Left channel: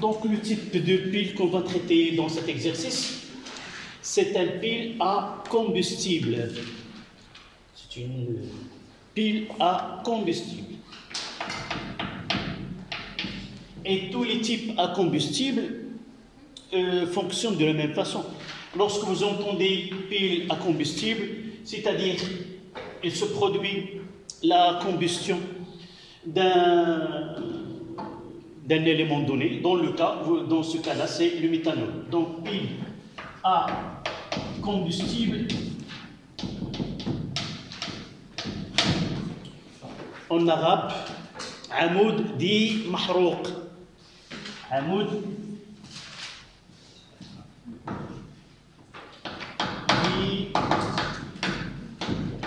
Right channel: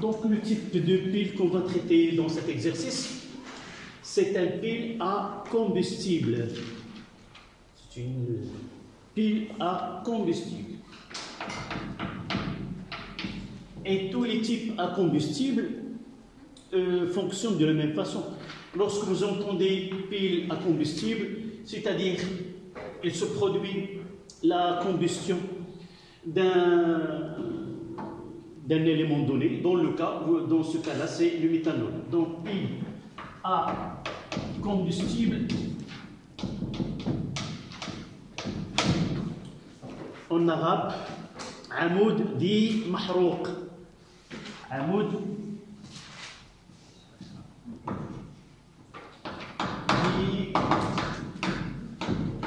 Donc le type de pile qu'on va traiter dans cet exercice, c'est un pile à combustible. C'est une pile à combustible. Et tous les types à combustible fonctionnent de la même façon. Lorsque vous entendez pile à combustible, c'est-à-dire il se produit la combustion d'un élément donné, dans ce cas-là, c'est le méthanol. Donc, pile à combustible, en arabe, amoud dit mahrouq. Amoud dit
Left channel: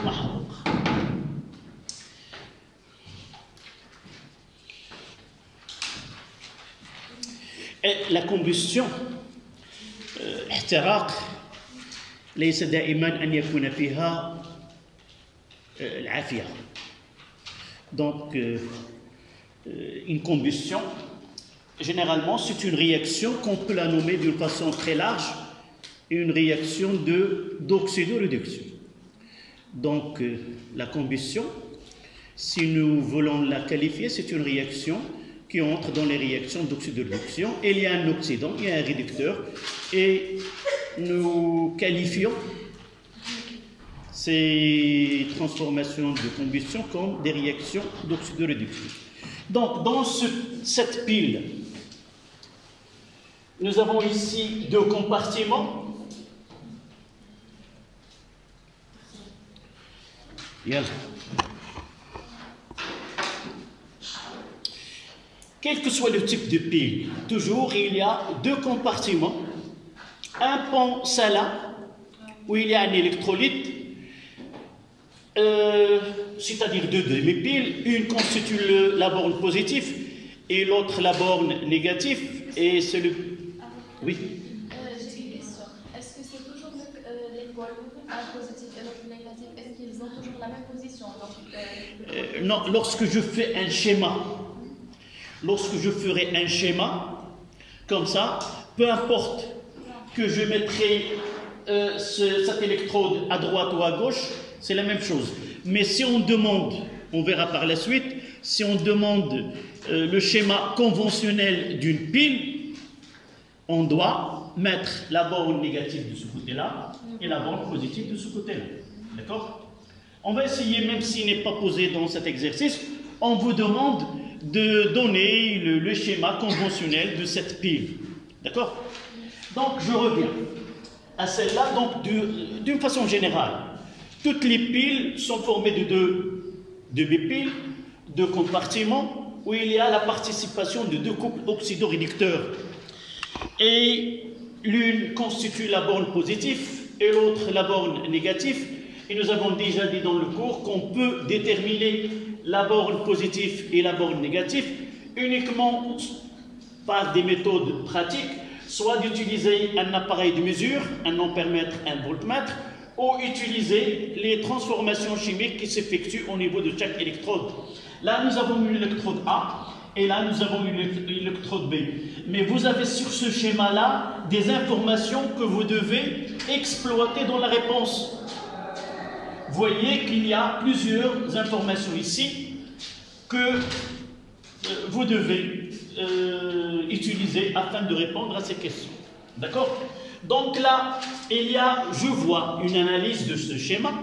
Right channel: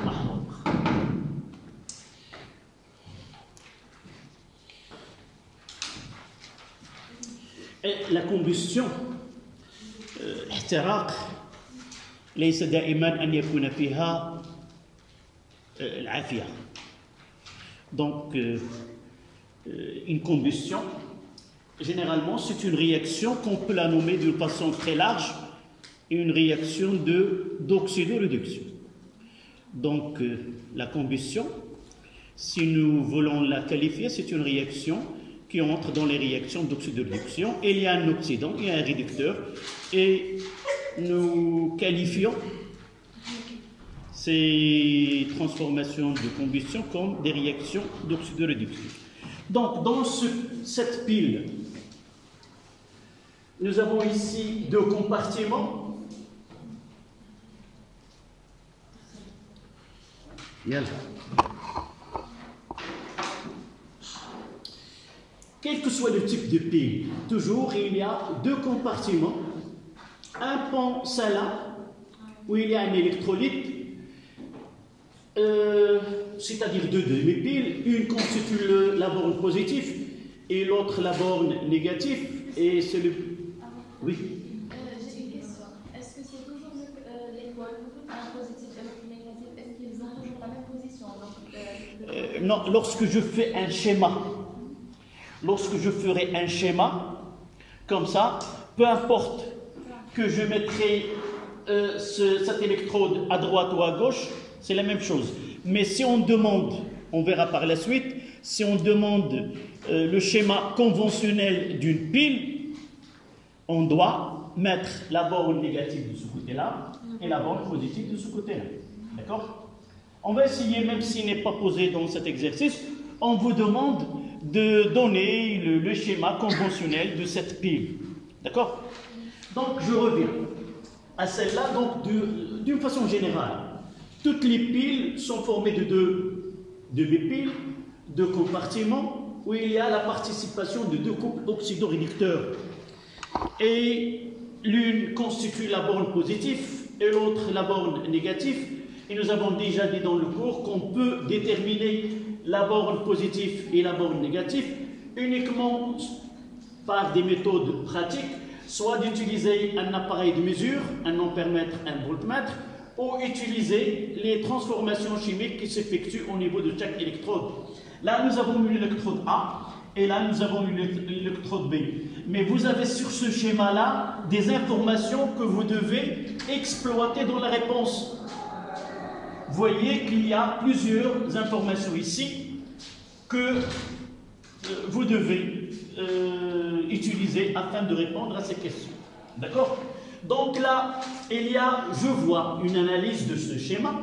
mahrouq. La combustion احتراق ليس دائما أن يكون فيها العافية. Donc une combustion généralement c'est une réaction qu'on peut la nommer d'une façon très large une réaction d'oxydoréduction. Donc la combustion, si nous voulons la qualifier, c'est une réaction qui entre dans les réactions d'oxydoréduction. Il y a un oxydant, il y a un réducteur, et nous qualifions ces transformations de combustion comme des réactions d'oxydoréduction. Donc, dans cette pile, nous avons ici deux compartiments. Yalla. Quel que soit le type de pile, toujours il y a deux compartiments, un pont salin où il y a un électrolyte, c'est-à-dire deux demi-piles, une constitue la borne positive et l'autre la borne négative, et c'est le... Oui. J'ai une question. Est-ce que c'est toujours les pôles, un positif et l'autre négatif, est-ce qu'ils ont toujours la même position? Non, lorsque je fais un schéma, lorsque je ferai un schéma, comme ça, peu importe que je mettrai cette électrode à droite ou à gauche, c'est la même chose. Mais si on demande, on verra par la suite, si on demande le schéma conventionnel d'une pile, on doit mettre la borne négative de ce côté-là et la borne positive de ce côté-là. D'accord? On va essayer, même s'il n'est pas posé dans cet exercice, on vous demande de donner le schéma conventionnel de cette pile. D'accord? Donc, je reviens à celle-là. Donc, d'une façon générale, toutes les piles sont formées de deux bipiles, deux compartiments, où il y a la participation de deux couples oxydoréducteurs. Et l'une constitue la borne positive et l'autre la borne négative. Et nous avons déjà dit dans le cours qu'on peut déterminer la borne positive et la borne négative uniquement par des méthodes pratiques, soit d'utiliser un appareil de mesure, un ampèremètre, un voltmètre, ou utiliser les transformations chimiques qui s'effectuent au niveau de chaque électrode. Là, nous avons eu l'électrode A, et là, nous avons eu l'électrode B. Mais vous avez sur ce schéma-là des informations que vous devez exploiter dans la réponse. Vous voyez qu'il y a plusieurs informations ici que vous devez utiliser afin de répondre à ces questions. D'accord? Donc là, je vois une analyse de ce schéma.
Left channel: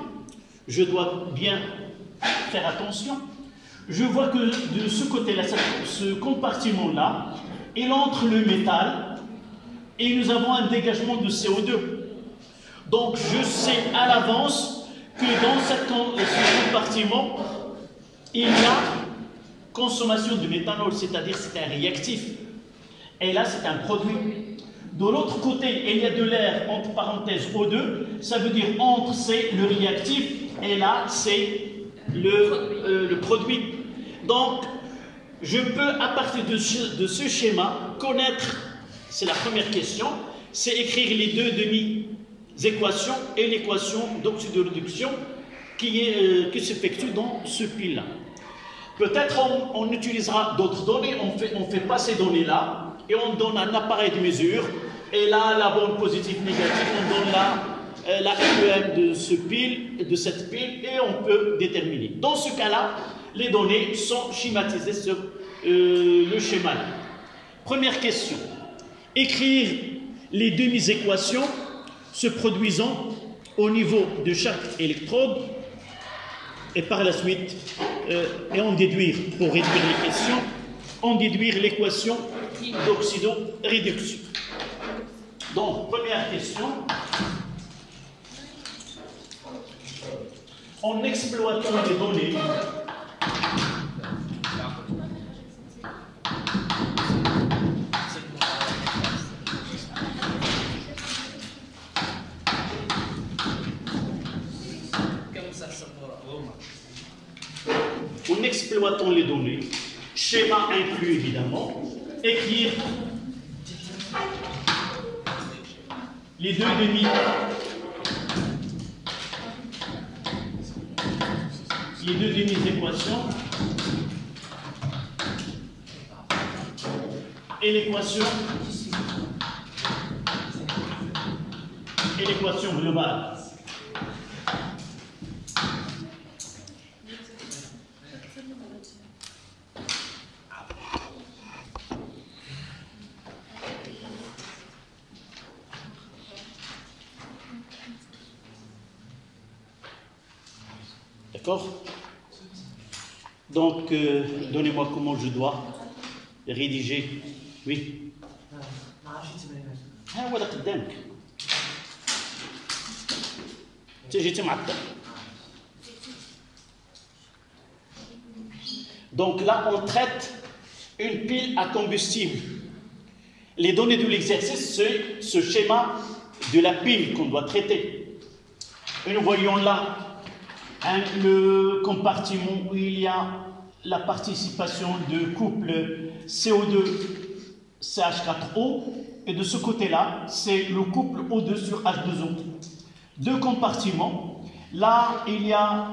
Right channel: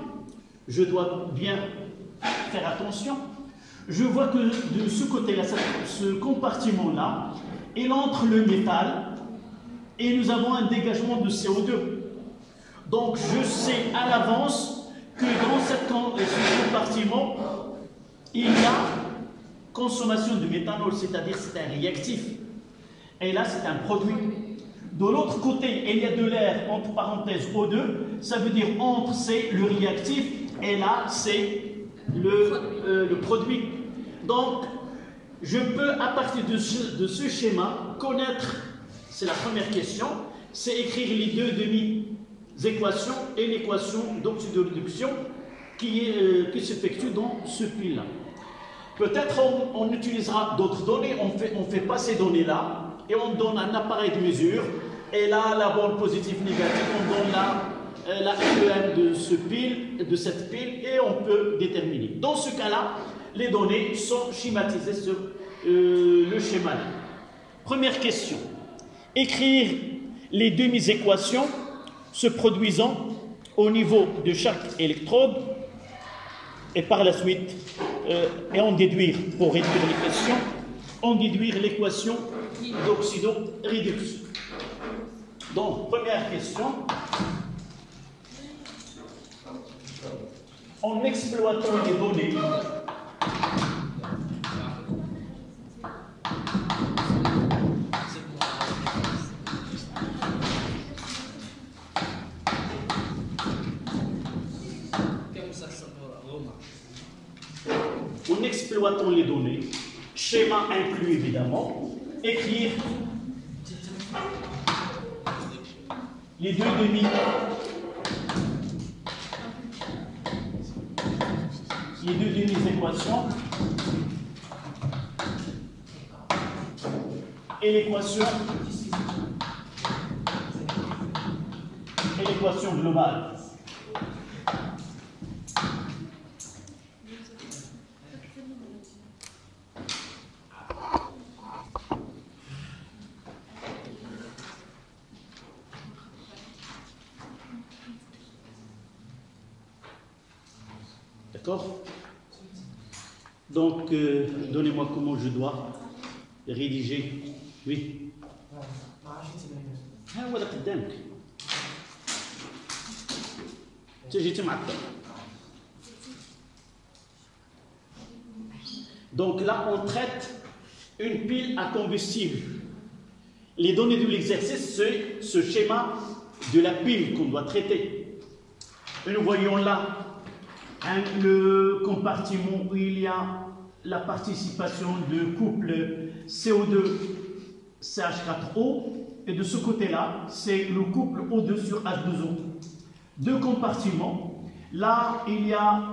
Je dois bien faire attention. Je vois que de ce côté-là, ce compartiment-là, il entre le métal et nous avons un dégagement de CO2. Donc je sais à l'avance que dans ce compartiment, il y a consommation de méthanol, c'est-à-dire c'est un réactif. Et là, c'est un produit. De l'autre côté, il y a de l'air, entre parenthèses, O2, ça veut dire entre, c'est le réactif, et là, c'est le produit. Donc, je peux, à partir de ce schéma, connaître, c'est la première question, c'est écrire les deux demi-équations et l'équation d'oxydoréduction qui s'effectue dans ce pile-là. Peut-être on utilisera d'autres données, on fait pas ces données-là, et on donne un appareil de mesure. Et là, la borne positive négative, on donne la MEM de cette pile, et on peut déterminer. Dans ce cas-là, les données sont schématisées sur le schéma. Première question. Écrire les demi-équations se produisant au niveau de chaque électrode et par la suite, et en déduire, pour réduire les questions, en déduire l'équation d'oxydoréduction. Donc, première question. En exploitant les données, schéma inclus évidemment, écrire les deux demi-équations et l'équation globale. D'accord? Donc, donnez-moi comment je dois rédiger. Oui. Donc là, on traite une pile à combustible. Les données de l'exercice, c'est ce schéma de la pile qu'on doit traiter. Et nous voyons là le compartiment où il y a la participation de couple CO2-CH4O, et de ce côté-là, c'est le couple O2 sur H2O. Deux compartiments. Là, il y a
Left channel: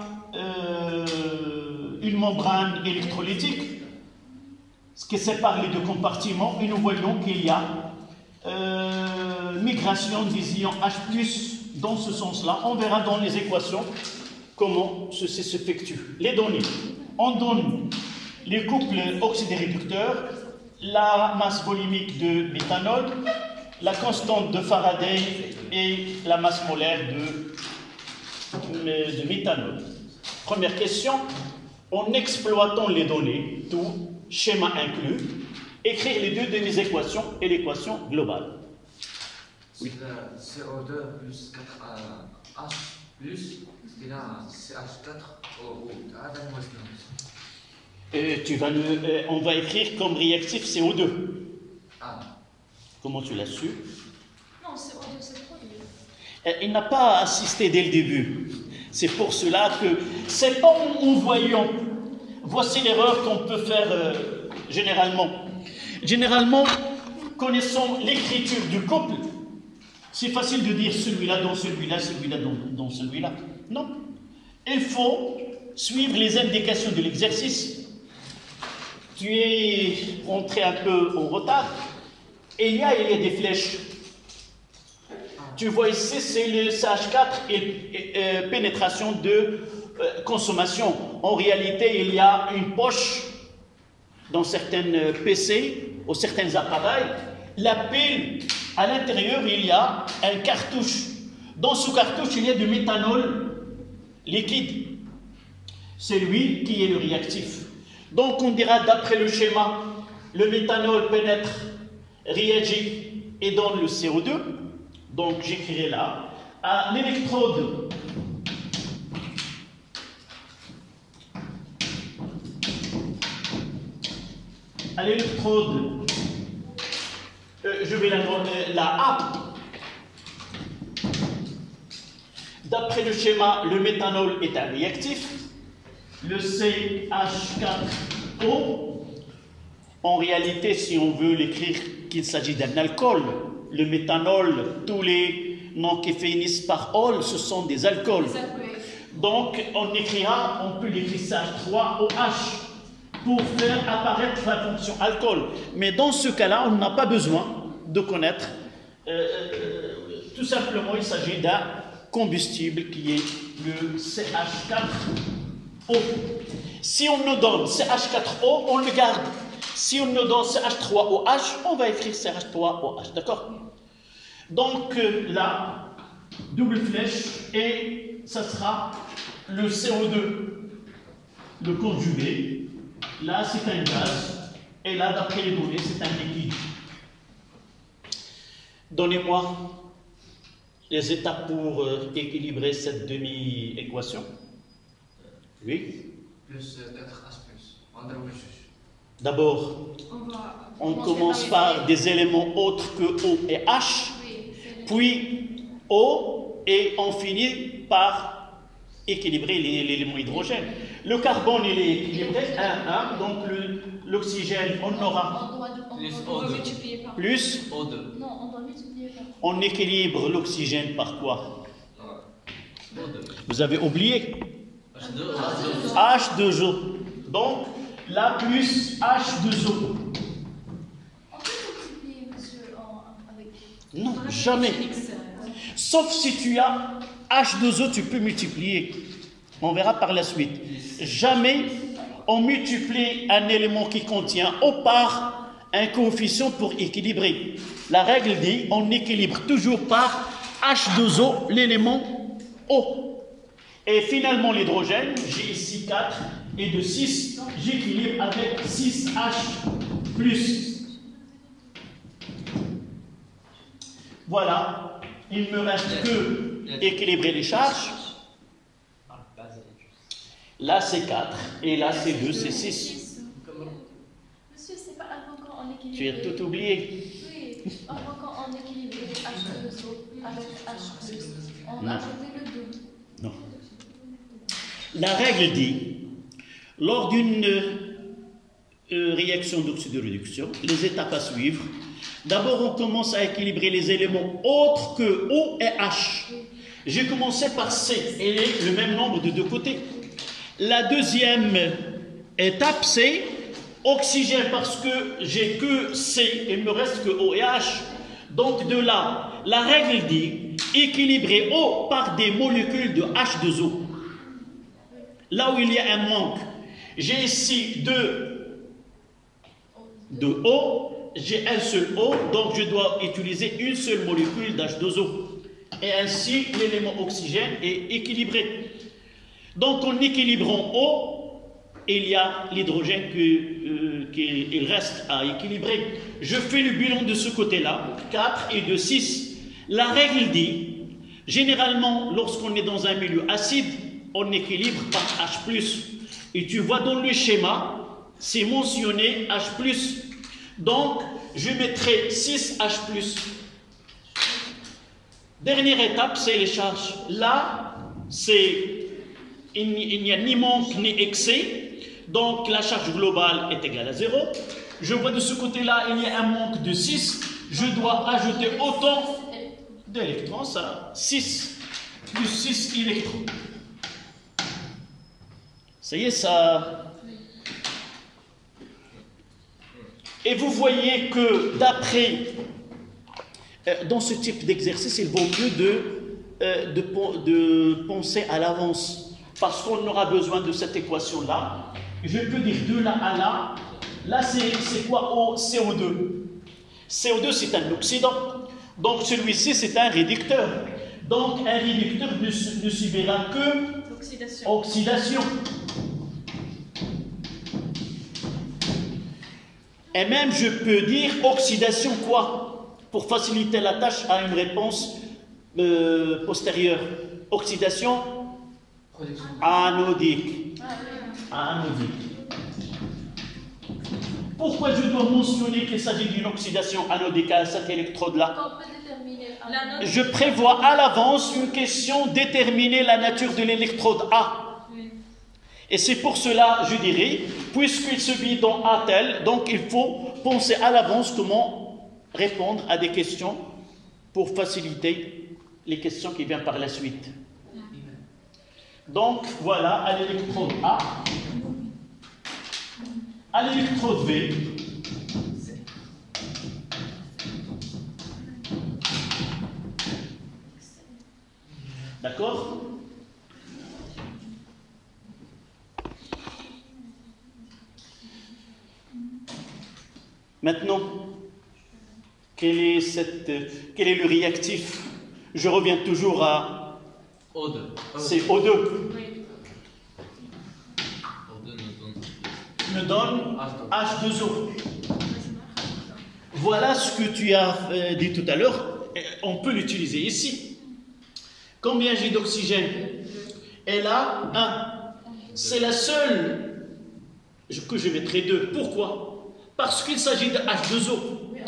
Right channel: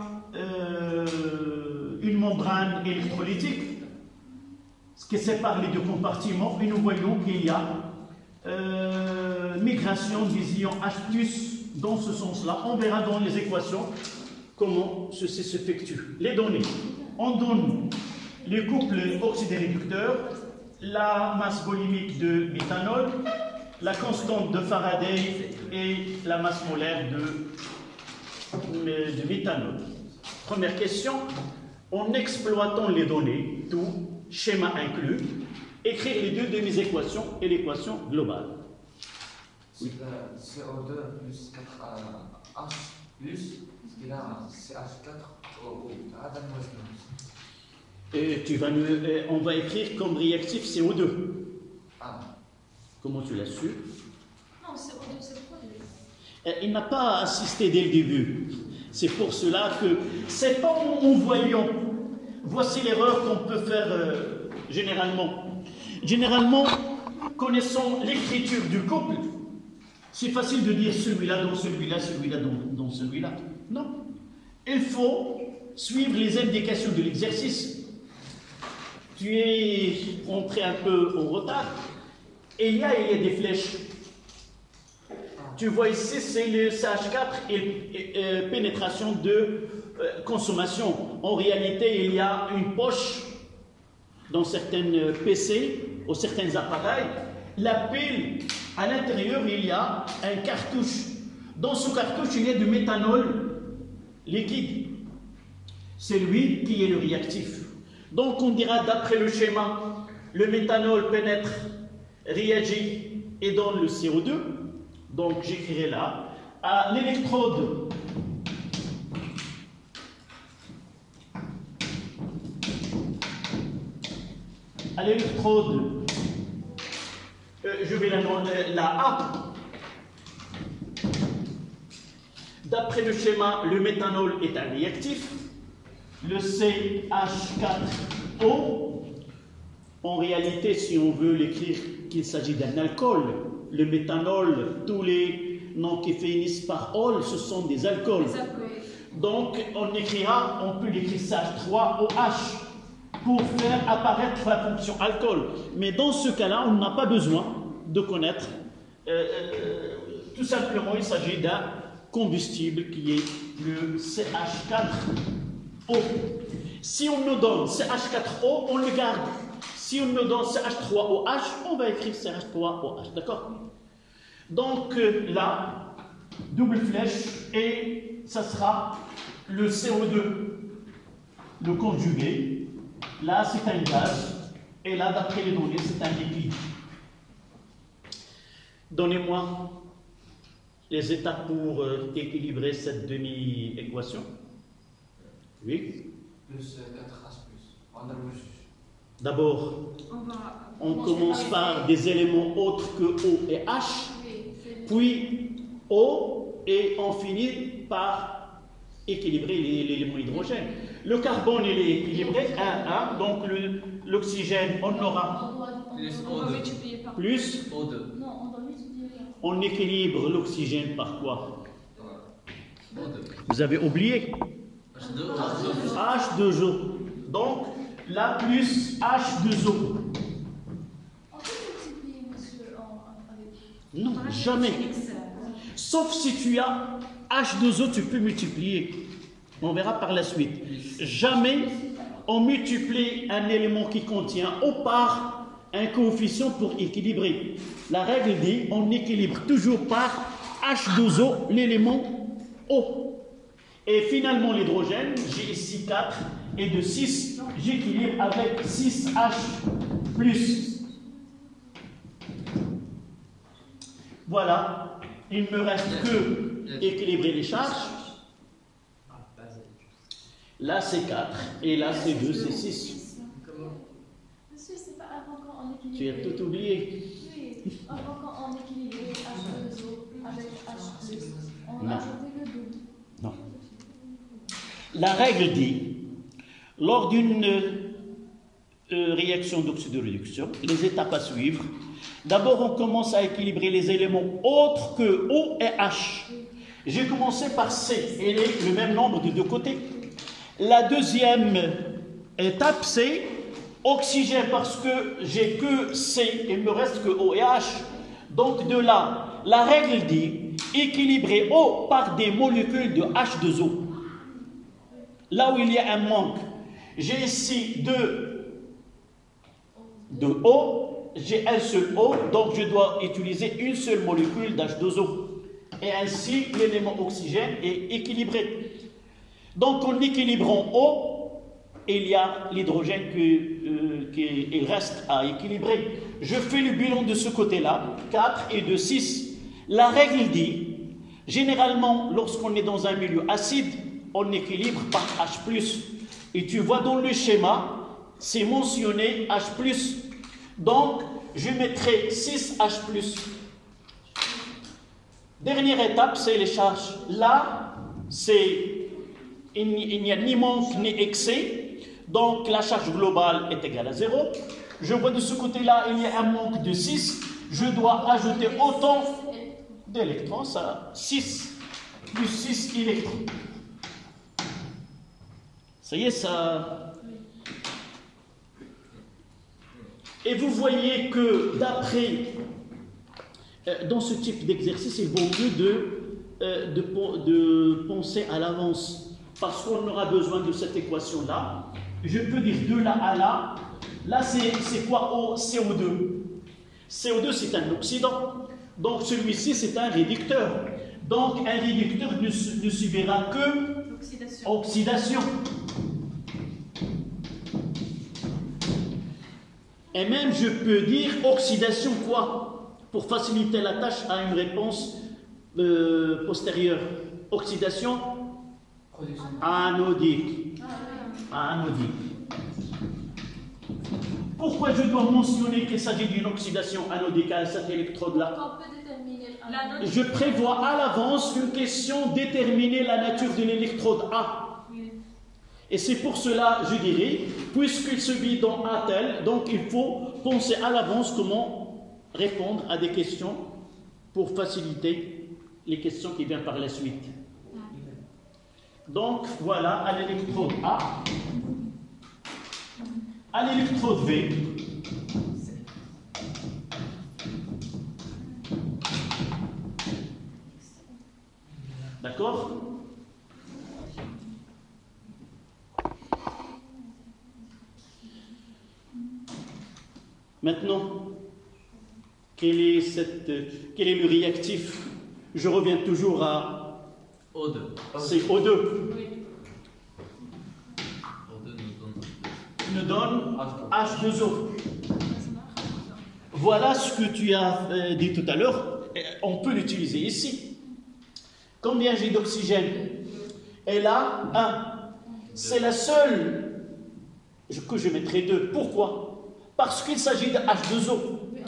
une membrane électrolytique, ce qui sépare les deux compartiments, et nous voyons qu'il y a migration des ions H+, dans ce sens-là. On verra dans les équations comment ceci s'effectue. Les données. On donne les couples oxydoréducteurs, la masse volumique de méthanol, la constante de Faraday et la masse molaire de méthanol. Première question. En exploitant les données, tout schéma inclus, écrire les deux demi-équations et l'équation globale. Oui. CO2 plus 4H plus, et là CH4O. On va écrire comme réactif CO2. Ah. Comment tu l'as su? Non, CO2 c'est produit. Il n'a pas assisté dès le début. C'est pour cela que c'est pas en voyant. Voici l'erreur qu'on peut faire généralement. Généralement, connaissant l'écriture du couple, c'est facile de dire celui-là dans celui-là, celui-là dans celui-là. Non. Il faut suivre les indications de l'exercice. Tu es rentré un peu en retard. Il y a des flèches. Tu vois ici, c'est le CH4 et pénétration de consommation. En réalité, il y a une poche dans certaines PC ou certains appareils. La pile, à l'intérieur, il y a un cartouche. Dans ce cartouche, il y a du méthanol liquide. C'est lui qui est le réactif. Donc, on dira, d'après le schéma, le méthanol pénètre, réagit et donne le CO2. Donc, j'écrirai là. À l'électrode, je vais la A. D'après le schéma, le méthanol est un réactif. Le CH4O, en réalité, si on veut l'écrire qu'il s'agit d'un alcool, le méthanol, tous les noms qui finissent par ol, ce sont des alcools. Donc, on peut l'écrire CH3OH. pour faire apparaître la fonction alcool. Mais dans ce cas-là, on n'a pas besoin de connaître. Tout simplement, il s'agit d'un combustible qui est le CH4O. Si on nous donne CH4O, on le garde. Si on nous donne CH3OH, on va écrire CH3OH. D'accord? Donc là, double flèche, et ça sera le CO2, le conjugué. Là, c'est un gaz, et là, d'après les données, c'est un liquide. Donnez-moi les étapes pour équilibrer cette demi-équation. Oui. Plus 4H+. On double juge. D'abord, on commence par des éléments autres que O et H, puis O, et on finit par équilibrer l'élément hydrogène. Le carbone, il est équilibré, 1, 1, donc l'oxygène, on aura On va multiplier par. plus. O2. Non, on va multiplier par. On équilibre l'oxygène par quoi? O2. Vous avez oublié H2O. H2O. Donc, là, plus H2O. On peut multiplier, monsieur, avec. Non, jamais. Sauf si tu as H2O, tu peux multiplier. On verra par la suite. Jamais on multiplie un élément qui contient O par un coefficient pour équilibrer. La règle dit on équilibre toujours par H2O l'élément O. Et finalement l'hydrogène, j'ai ici 4 et de 6, j'équilibre avec 6H+. Voilà, il ne me reste que équilibrer les charges. Là c'est 4 et là c'est 2, c'est 6. Monsieur, c'est pas avant quand on équilibre. Tu as tout oublié. Oui, avant quand on équilibre H2O avec H+. On Non. a ajouté le double. Non. La règle dit, lors d'une réaction d'oxydoréduction, les étapes à suivre, d'abord on commence à équilibrer les éléments autres que O et H. J'ai commencé par C, et le même nombre de deux côtés. La deuxième étape, c'est oxygène, parce que j'ai que C, il me reste que O et H. Donc de là, la règle dit équilibrer O par des molécules de H2O. Là où il y a un manque, j'ai ici deux O, j'ai un seul O, donc je dois utiliser une seule molécule d'H2O. Et ainsi, l'élément oxygène est équilibré. Donc en équilibrant O, il y a l'hydrogène qui reste à équilibrer. Je fais le bilan de ce côté-là, 4 et de 6. La règle dit, généralement, lorsqu'on est dans un milieu acide, on équilibre par H+. Et tu vois dans le schéma, c'est mentionné H+. Donc, je mettrai 6H+. Dernière étape, c'est les charges. Là, il n'y a ni manque ni excès. Donc, la charge globale est égale à 0. Je vois de ce côté-là, il y a un manque de 6. Je dois ajouter autant d'électrons, ça 6 plus 6 électrons. Ça y est, ça... Et vous voyez que d'après, dans ce type d'exercice, il vaut mieux de penser à l'avance, parce qu'on aura besoin de cette équation-là. Je peux dire de là à là. Là, c'est quoi O? CO2. CO2, c'est un oxydant. Donc, celui-ci, c'est un réducteur. Donc, un réducteur ne subira que oxydation. Et même, je peux dire oxydation quoi? Pour faciliter la tâche à une réponse postérieure. Oxydation anodique. Anodique. Pourquoi je dois mentionner qu'il s'agit d'une oxydation anodique à cet électrode-là? Je prévois à l'avance une question, déterminer la nature de l'électrode A. Et c'est pour cela, je dirais, puisqu'il se vit dans A tel, donc il faut penser à l'avance comment répondre à des questions pour faciliter les questions qui viennent par la suite. Donc voilà, à l'électrode A, à l'électrode V, d'accord? Maintenant, quel est le réactif? Je reviens toujours à O2. c'est O2. Oui. O2 Me donne H2O. Voilà ce que tu as dit tout à l'heure. On peut l'utiliser ici. Combien j'ai d'oxygène? Elle a 1. C'est la seule que je mettrai 2. Pourquoi? Parce qu'il s'agit de H2O.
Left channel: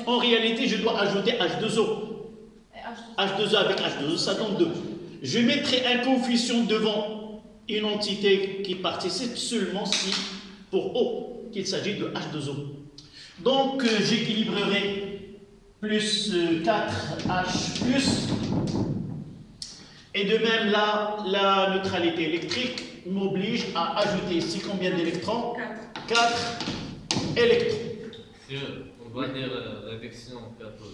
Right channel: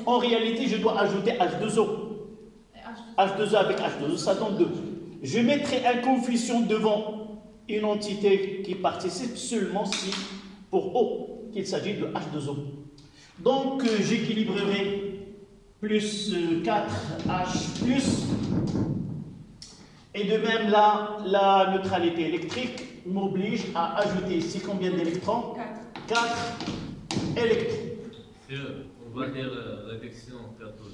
En réalité, je dois ajouter H2O. H2O avec H2O, ça donne 2. Je mettrai un coefficient devant une entité qui participe seulement si, pour O, qu'il s'agit de H2O. Donc, j'équilibrerai plus 4H plus. Et de même, là, la neutralité électrique m'oblige à ajouter ici combien d'électrons? 4 électrons. On va dire réduction cathode.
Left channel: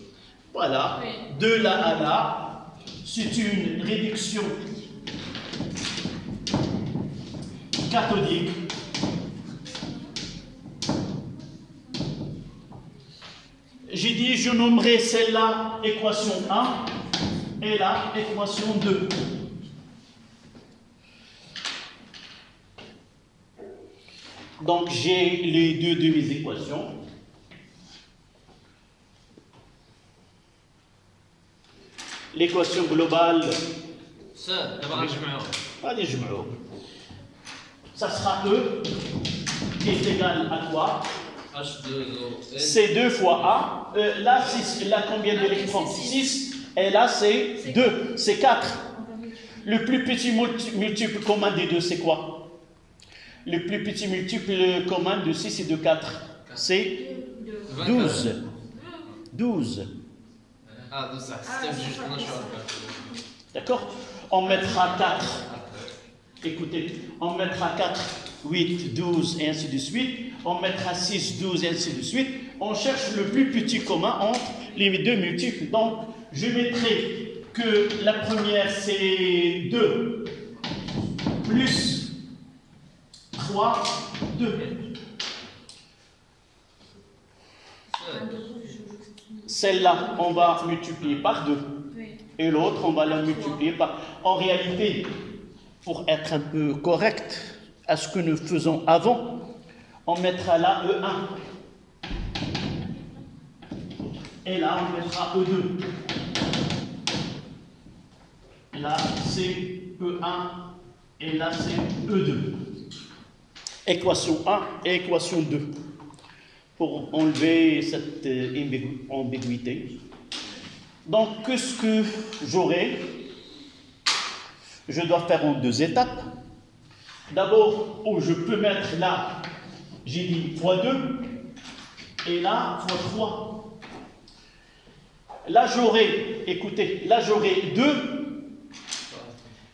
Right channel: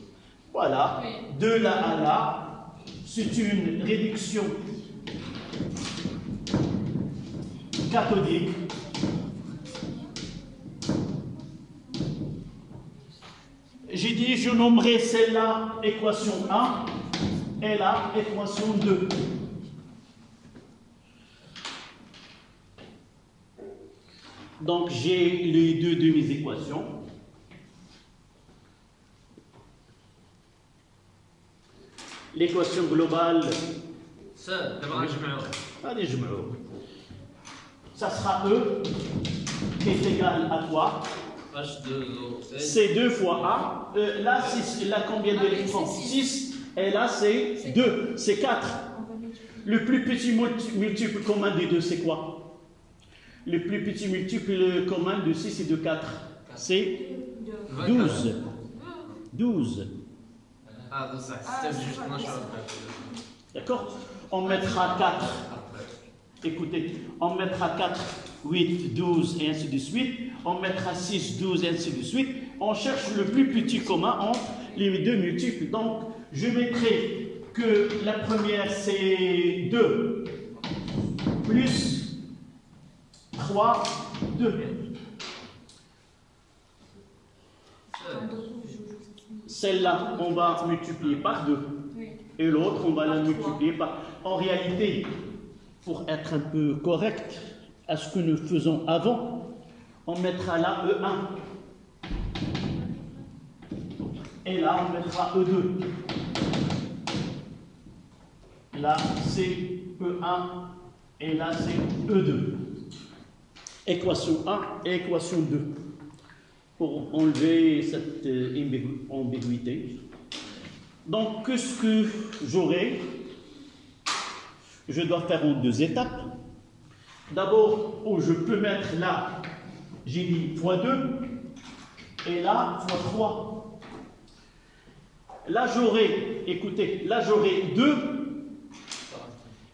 Voilà, de là à là, c'est une réduction cathodique. J'ai dit, je nommerai celle-là équation 1 et là équation 2. Donc j'ai les deux de mes équations. L'équation globale, Ça, d'abord, je mets allez, je me l'ouvre. Ça sera E qui est égal à quoi? H2O. C'est 2 fois A. Là, c'est là combien d'électrons? 6. Et là, c'est 2. C'est 4. Le plus petit multiple commun des deux, c'est quoi? Le plus petit multiple commun de 6 et de 4, c'est 12. 12. Ah, donc ça, c'est juste un choix. D'accord? On mettra 4. Écoutez, on mettra 4, 8, 12 et ainsi de suite. On mettra 6, 12 et ainsi de suite. On cherche le plus petit commun entre les deux multiples. Donc, je mettrai que la première c'est 2 plus 3, 2. Celle-là, on va multiplier par 2. Et l'autre, on va la multiplier par... En réalité, pour être un peu correct à ce que nous faisons avant, on mettra là E1. Et là, on mettra E2. Là, c'est E1. Et là, c'est E2. Équation 1 et équation 2. Pour enlever cette ambiguïté. Donc, qu'est-ce que j'aurai? Je dois faire en 2 étapes. D'abord, où je peux mettre là, j'ai dit x2, et là, x3. Là, j'aurai, écoutez, là, j'aurai 2,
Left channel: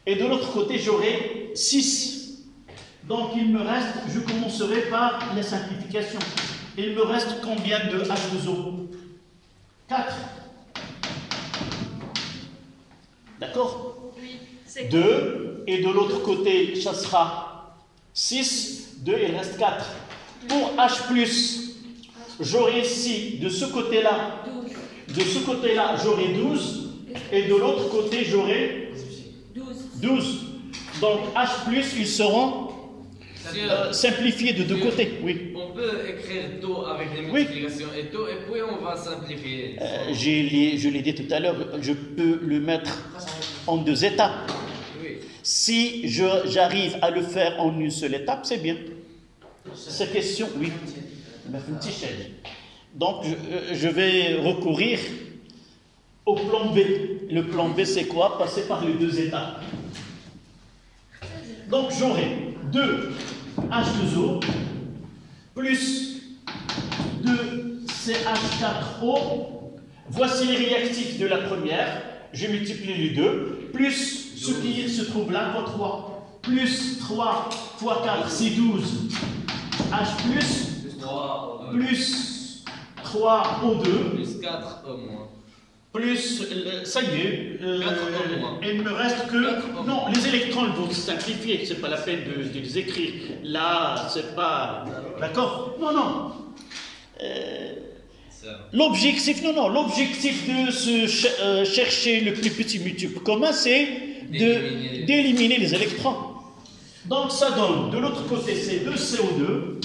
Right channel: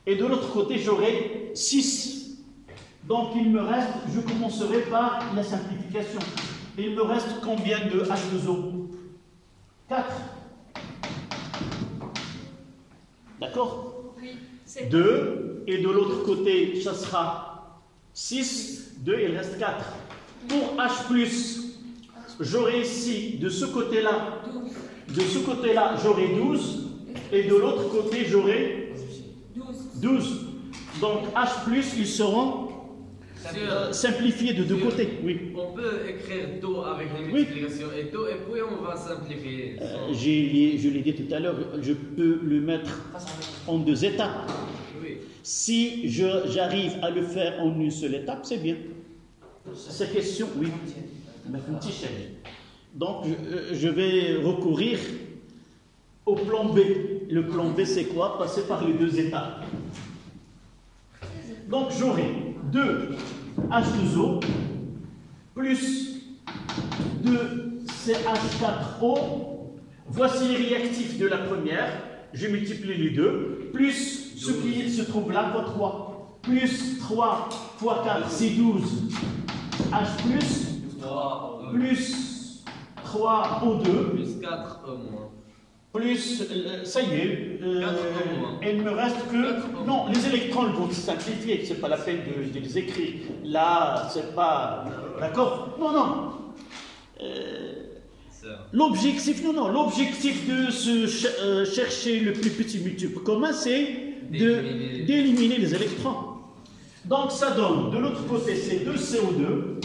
et de l'autre côté, j'aurai 6. Donc, il me reste, je commencerai par la simplification. Il me reste combien de H2O? 4. D'accord? 2, et de l'autre côté, ça sera 6, 2, il reste 4. Pour H+, j'aurai ici, de ce côté-là, j'aurai 12, et de l'autre côté, j'aurai 12. Donc H+, ils seront simplifiés de deux côtés. Oui. On peut écrire taux avec les multiplications et taux, et puis on va simplifier. Je l'ai dit tout à l'heure, je peux le mettre en 2 étapes. Oui. Si j'arrive à le faire en une seule étape, c'est bien. Cette question, oui. Donc, je vais recourir au plan B. Le plan B, c'est quoi? Passer par les 2 étapes. Donc, j'aurai 2 H2O plus 2 CH4O. Voici les réactifs de la première. Je multiplie les deux, plus ce qui se trouve là, fois 3. Plus 3 fois 4, c'est 12. H plus 3 3O2, plus 4 O moins. plus, ça y est, il ne me reste que... Non, les électrons vont se simplifier, c'est pas la peine de les écrire. Là, c'est pas... D'accord? Non, non. L'objectif, l'objectif de chercher le plus petit multiple commun, c'est d'éliminer les électrons. Donc ça donne, de l'autre côté, c'est 2CO2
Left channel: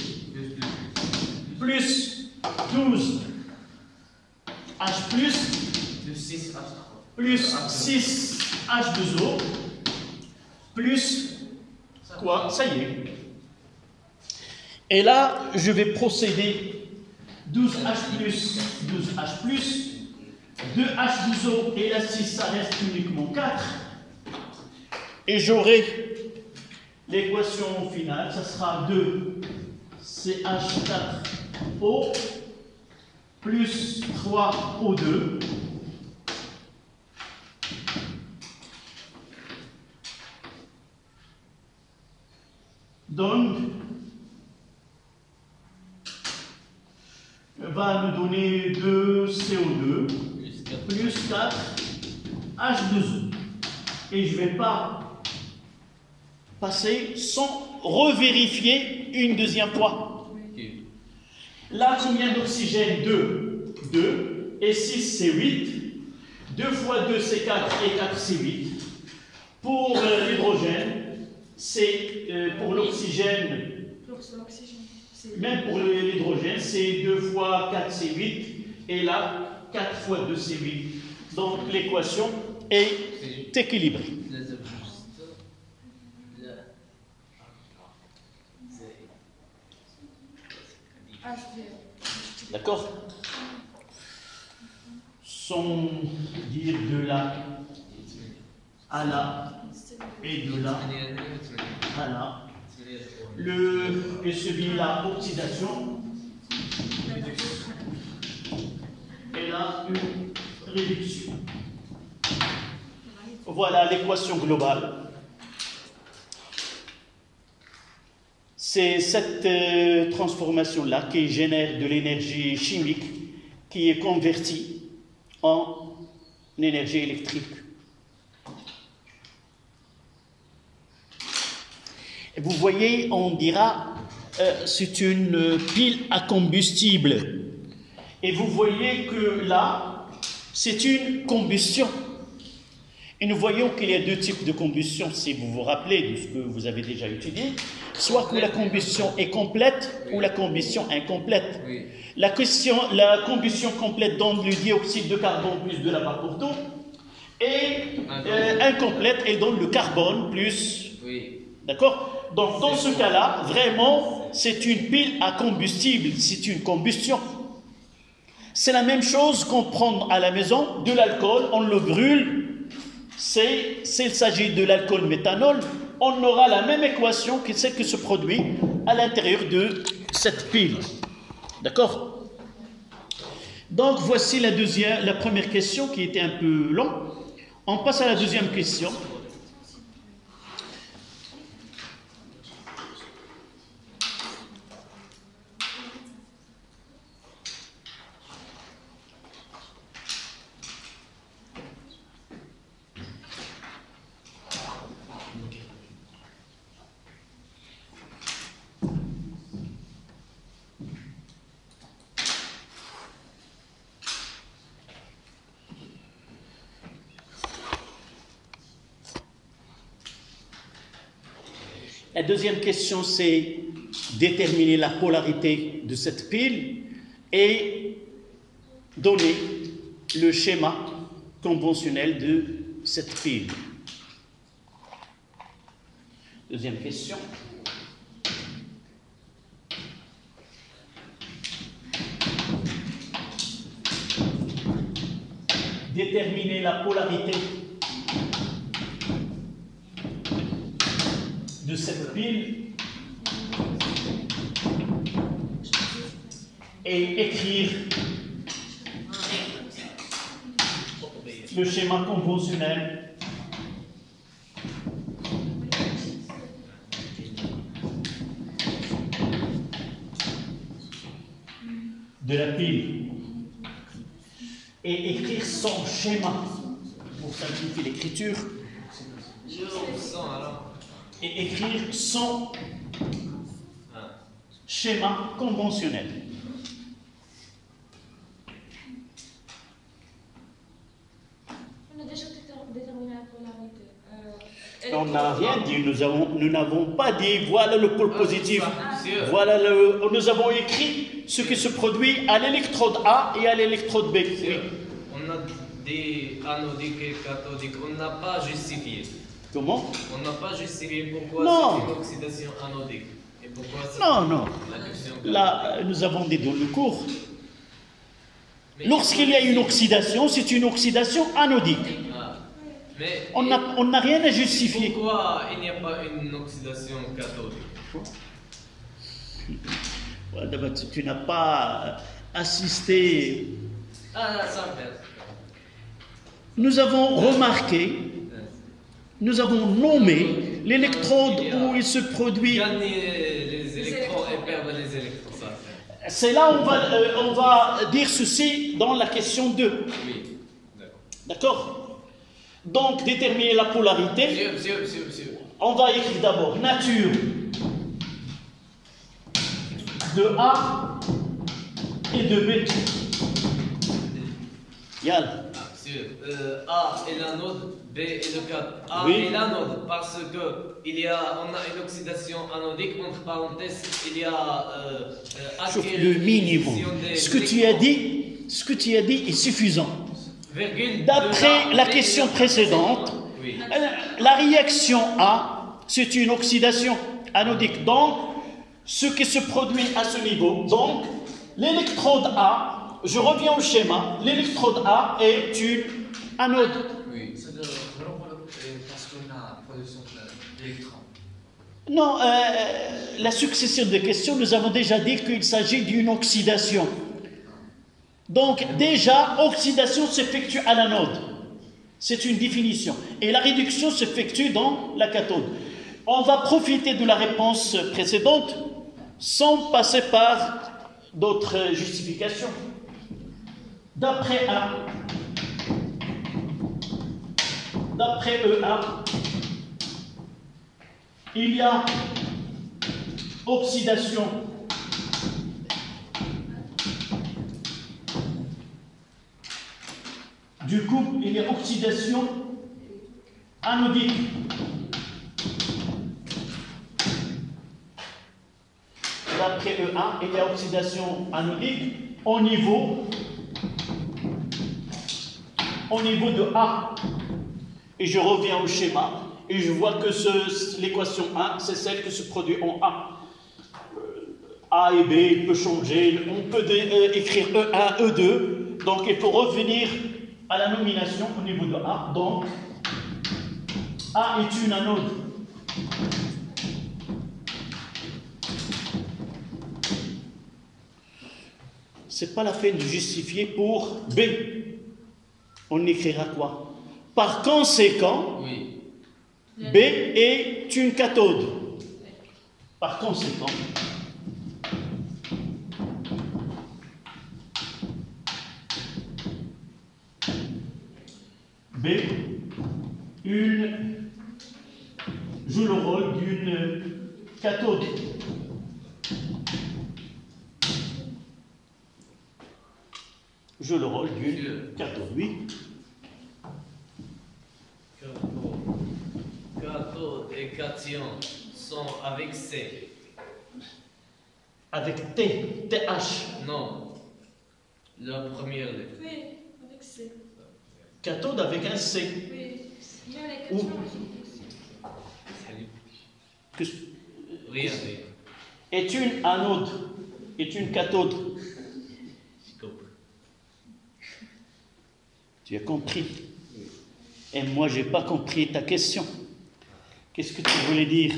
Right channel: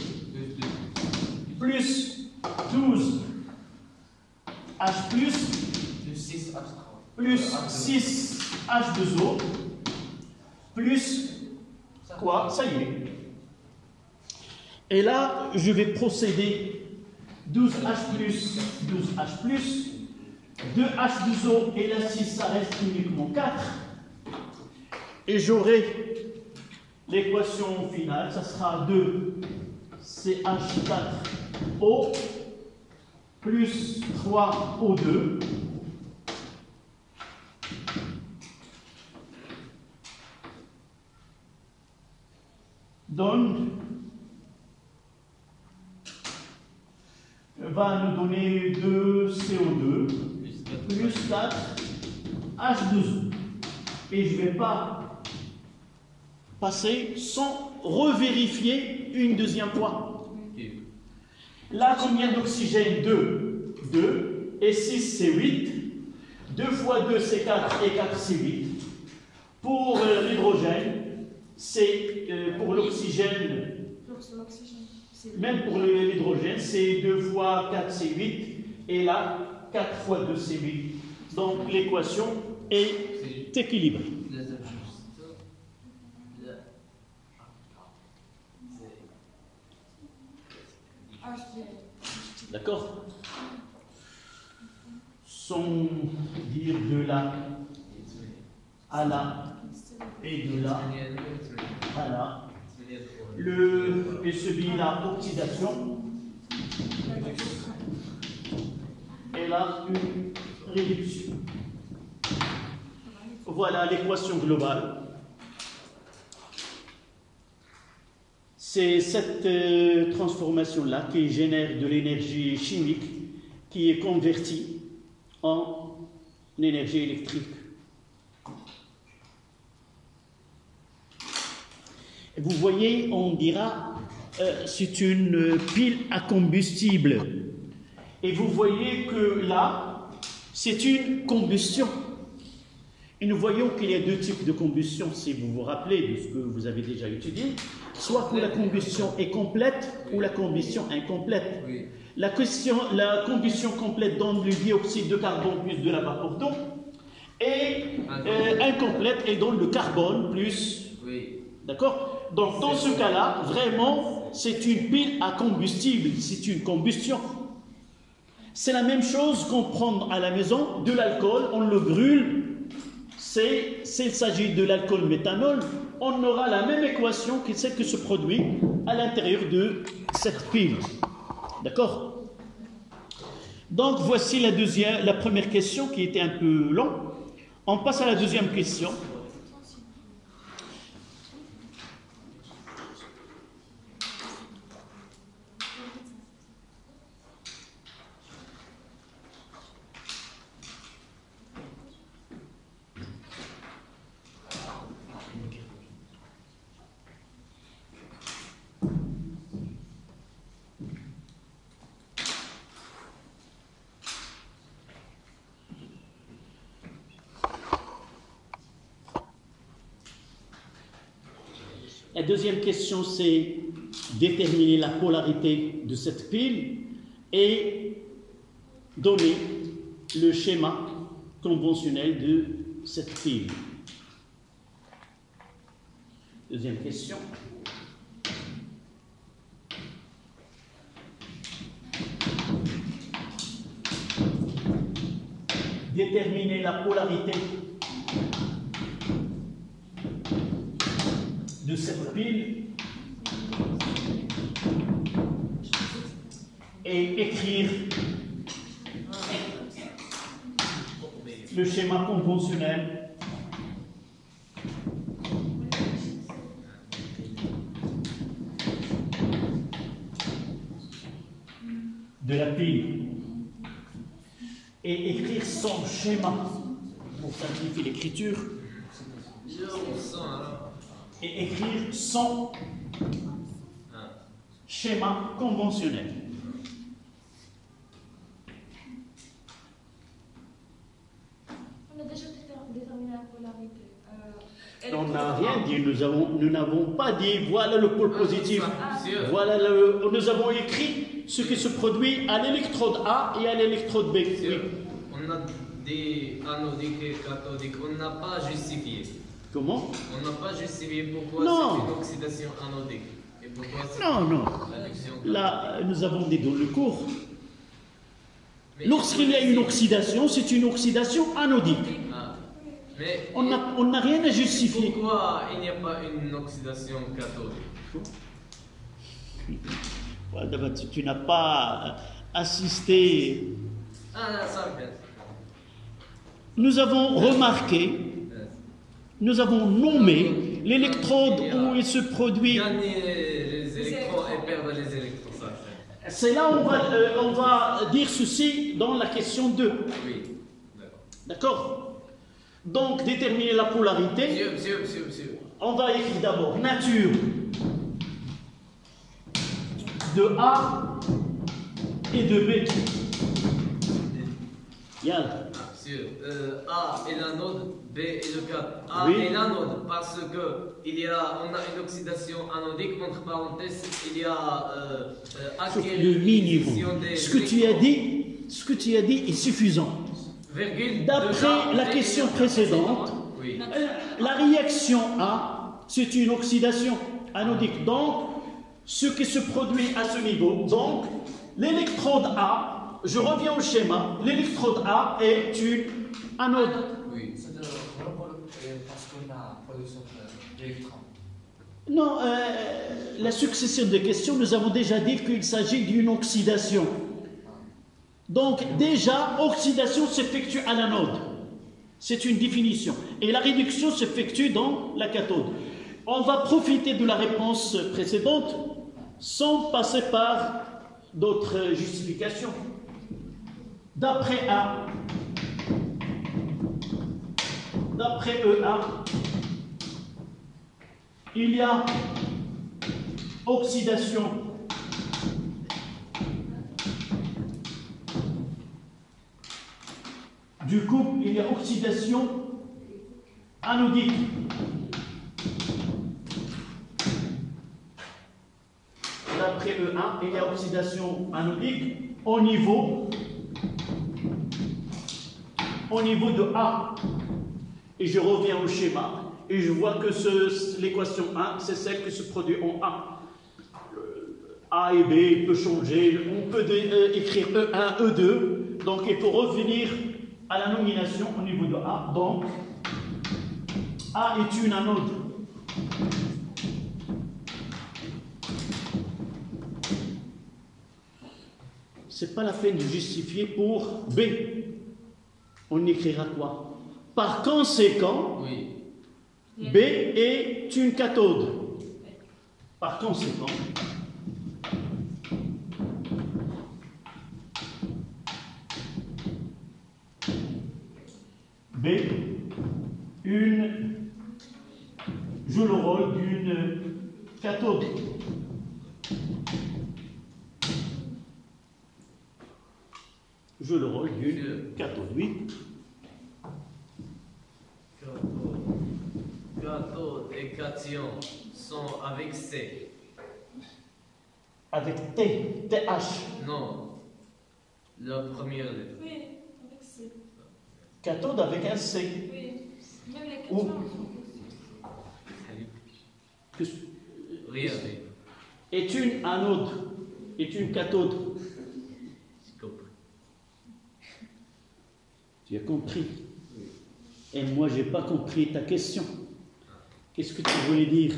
plus 12 H+, plus 6 H2O, plus quoi? Ça y est. Et là, je vais procéder 12H+, 12H+, 2H2O, et là, si ça reste uniquement 4, et j'aurai l'équation finale, ça sera 2CH4O plus 3O2 va nous donner 2CO2 plus 4 H2O. Et je ne vais pas passer sans revérifier une deuxième fois. Là, combien d'oxygène? 2. 2. Et 6, c'est 8. 2 fois 2, c'est 4. Et 4, c'est 8. Pour l'hydrogène, c'est pour l'oxygène. Même pour l'hydrogène, c'est 2 fois 4, c'est 8. Et là, 4 fois 2, c'est 8. Donc, l'équation est équilibrée. D'accord? Sans dire de là à là et de là à là. Et celui-là, oxydation. Et là, une réduction. Voilà l'équation globale. C'est cette transformation-là qui génère de l'énergie chimique qui est convertie en énergie électrique. Et vous voyez, on dira c'est une pile à combustible. Et vous voyez que là, c'est une combustion. Et nous voyons qu'il y a deux types de combustion, si vous vous rappelez de ce que vous avez déjà étudié. Soit que la combustion est complète ou la combustion incomplète. Oui. La combustion complète donne le dioxyde de carbone plus de la vapeur d'eau. Et incomplète, elle donne le carbone plus... Oui. D'accord? Donc dans ce cas-là, vraiment, c'est une pile à combustible, c'est une combustion. C'est la même chose qu'on prend à la maison de l'alcool, on le brûle. S'il s'agit de l'alcool méthanol, on aura la même équation que celle qui se produit à l'intérieur de cette pile. D'accord? Donc voici la première question qui était un peu longue. On passe à la deuxième question. La deuxième question, c'est déterminer la polarité de cette pile et donner le schéma conventionnel de cette pile. Deuxième question. Déterminer la polarité de cette pile et écrire le schéma conventionnel de la pile et écrire son schéma pour simplifier l'écriture et écrire son schéma conventionnel. On a déjà déterminé la polarité. On n'a rien dit, nous n'avons pas dit voilà le pôle positif, voilà nous avons écrit ce qui se produit à l'électrode A et à l'électrode B. Oui. On a des anodiques et cathodiques, on n'a pas justifié. Comment? On n'a pas justifié pourquoi c'est une oxydation anodique. Et pourquoi c'est l'adduction cathodique. Là, nous avons dit dans le cours, lorsqu'il y a une oxydation, c'est une oxydation anodique. Mais on n'a rien à justifier. Pourquoi il n'y a pas une oxydation cathodique? Tu n'as pas assisté. Ça me fait. Nous avons remarqué, nous avons nommé l'électrode où il se produit. Gagner les électrons et perdre les électrons, ça le fait. C'est là où on va dire ceci dans la question 2. Oui, d'accord. Donc, déterminer la polarité. Monsieur. On va écrire d'abord nature de A et de B. Yann. Monsieur, A est l'anode, B est le cathode. A Oui. est l'anode parce que on a une oxydation anodique, entre parenthèses, il y a Le minimum. Ce que tu as dit est suffisant. D'après la question précédente, oui. La réaction A, c'est une oxydation anodique. Donc, ce qui se produit à ce niveau, donc, l'électrode A, je reviens au schéma, l'électrode A est une anode. Oui. Parce qu'on a production d'électrons. Non, la succession de questions, nous avons déjà dit qu'il s'agit d'une oxydation. Donc, déjà, oxydation s'effectue à l'anode. C'est une définition. Et la réduction s'effectue dans la cathode. On va profiter de la réponse précédente sans passer par d'autres justifications. D'après E1, il y a oxydation du couple, il y a oxydation anodique. D'après E1, il y a oxydation anodique au niveau de A. Et je reviens au schéma et je vois que l'équation 1, c'est celle qui se produit en A. A et B, il peut changer. On peut écrire E1, E2. Donc il faut revenir à la nomination au niveau de A. Donc, A est une anode. C'est pas la peine de justifier pour B. On écrira quoi? Par conséquent, Oui. B est une cathode. Par conséquent, B joue le rôle d'une cathode. Joue le rôle d'une cathode, oui. Cathode et cation sont avec C. Avec T, TH. Non. La première lettre. Oui, avec C. Cathode avec un C. Oui, même les Ou- cations. Salut. Que- Rien. Est une anode, est une cathode. J'ai compris. Tu as compris. Et moi, je n'ai pas compris ta question. Qu'est-ce que tu voulais dire?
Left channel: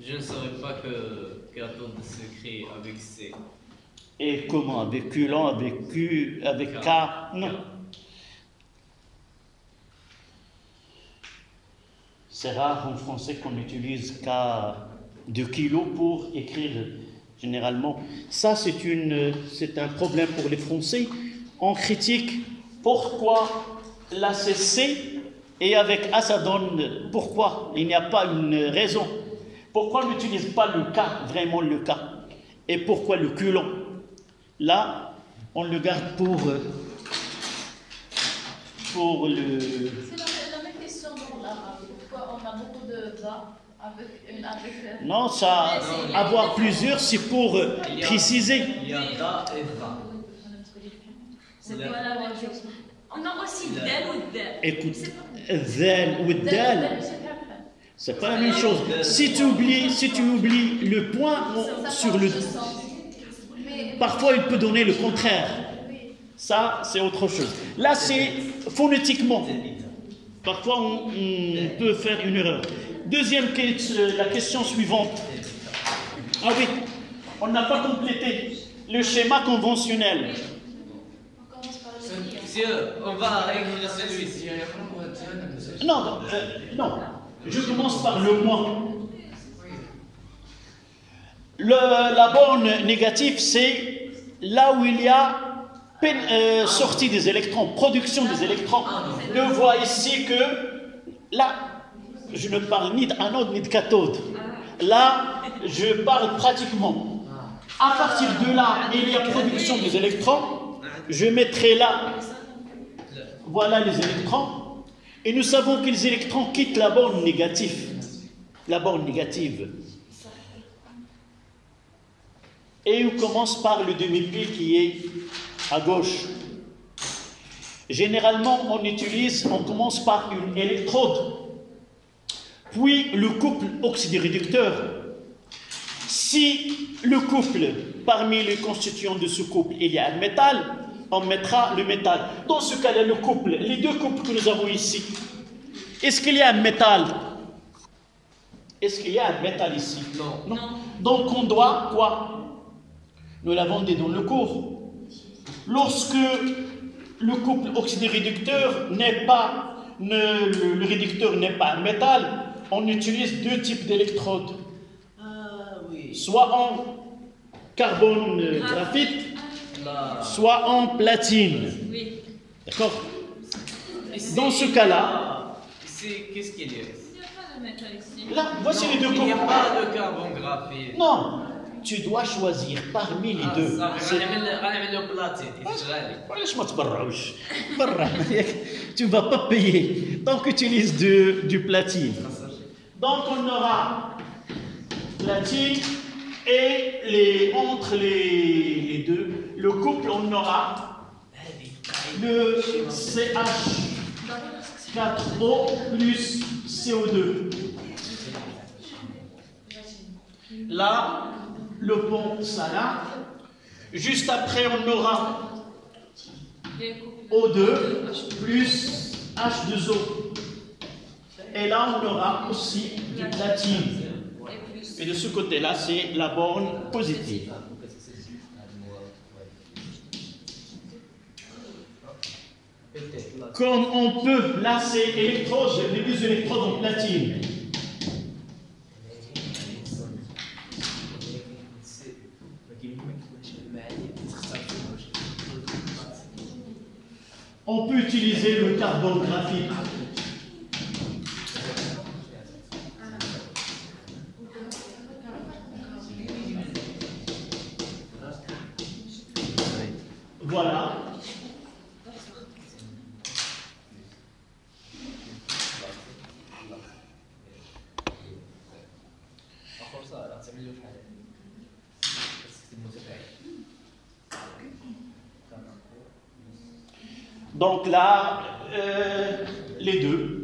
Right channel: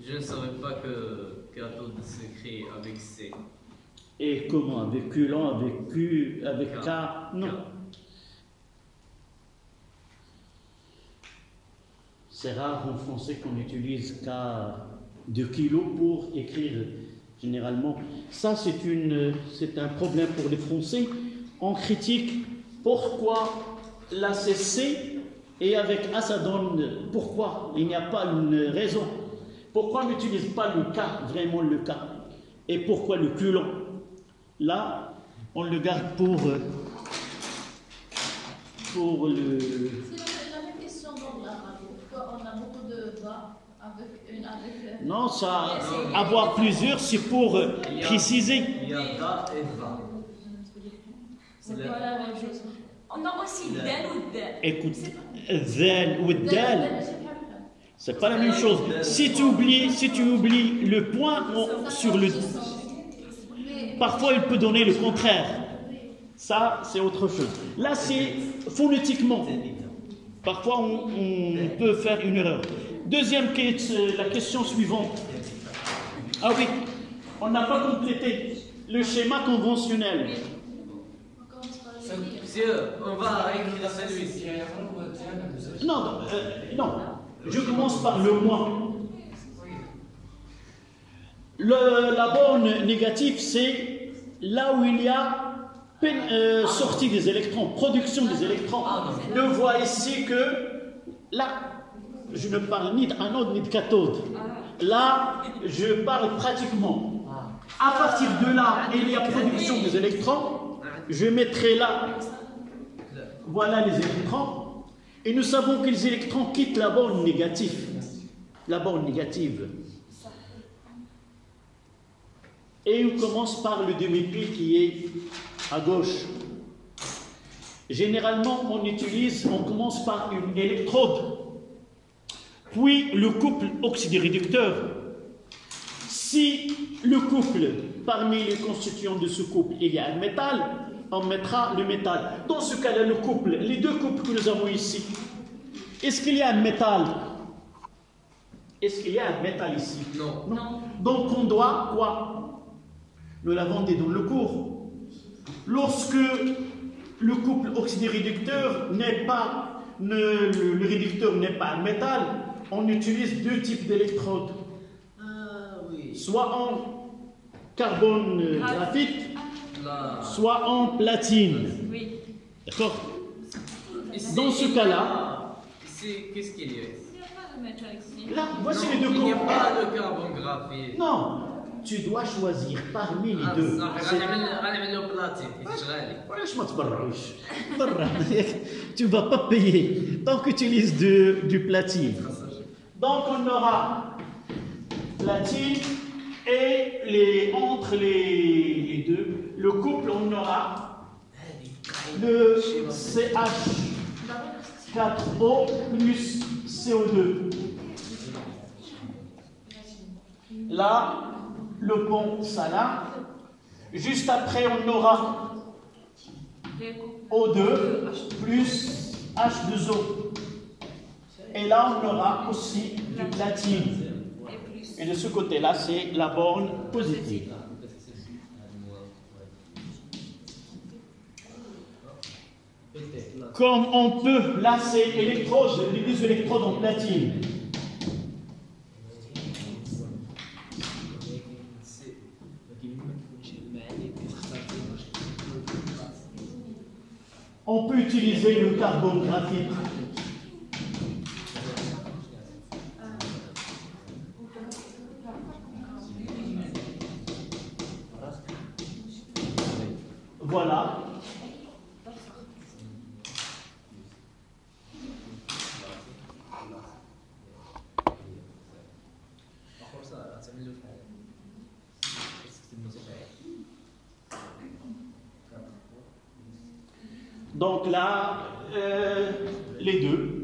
Je ne savais pas que cathode s'écrit avec C. Et comment? Avec Q lent, avec Q, avec K? Non. C'est rare en français qu'on utilise K de kilo pour écrire Généralement, ça c'est un problème pour les Français. On critique pourquoi l'ACC et avec Assadone, pourquoi il n'y a pas une raison. Pourquoi on n'utilise pas le cas, vraiment le cas? Et pourquoi le culot? Là, on le garde pour le... C'est la même question dans l'arabe. Pourquoi on a beaucoup de bas avec non, ça, avoir plusieurs, c'est pour préciser. Il y a da et va. C'est pas la même chose. On a aussi del ou del. Écoute, del ou del, c'est pas la même chose. Si tu oublies le point sur le... Parfois, il peut donner le contraire. Ça, c'est autre chose. Là, c'est phonétiquement. Parfois, on peut faire une erreur. Deuxième question, la question suivante. Ah oui, on n'a pas complété le schéma conventionnel. On va écrire celui-ci. Non, non. Je commence par le moins. La borne négative, c'est là où il y a sortie des électrons, production des électrons. On voit ici que là, je ne parle ni d'anode ni de cathode. Là, je parle pratiquement. À partir de là, il y a production des électrons. Je mettrai là, voilà les électrons. Et nous savons que les électrons quittent la borne négative. La borne négative. Et on commence par le demi-pile qui est à gauche. Généralement, on commence par une électrode, puis le couple oxydoréducteur. Si le couple, parmi les constituants de ce couple, il y a un métal, on mettra le métal. Dans ce cas-là, le couple, les deux couples que nous avons ici, est-ce qu'il y a un métal? Est-ce qu'il y a un métal ici? Non. Non. Donc on doit quoi? Nous l'avons dit dans le cours. Lorsque le couple oxydoréducteur n'est pas, le réducteur n'est pas un métal, on utilise deux types d'électrodes. Soit en carbone graphite, soit en platine. Oui. D'accord? Dans ce cas-là, qu'est-ce qu'il y a? Il n'y a pas de métal ici. Là, voici les deux Il n'y a couples. pas de carbone graphite. Non, tu dois choisir parmi les deux. غنعمل Tu ne vas pas payer tant que tu utilises du platine. Donc on aura platine et entre les deux, le couple, on aura le CH4O plus CO2. Là, le pont, ça là. Juste après, on aura O2 plus H2O. Et là, on aura aussi du platine. Et de ce côté-là, c'est la borne positive. Comme on peut, là, c'est électrode, les deux électrodes en platine. On peut utiliser le carbone graphite. Voilà. Donc là, les deux.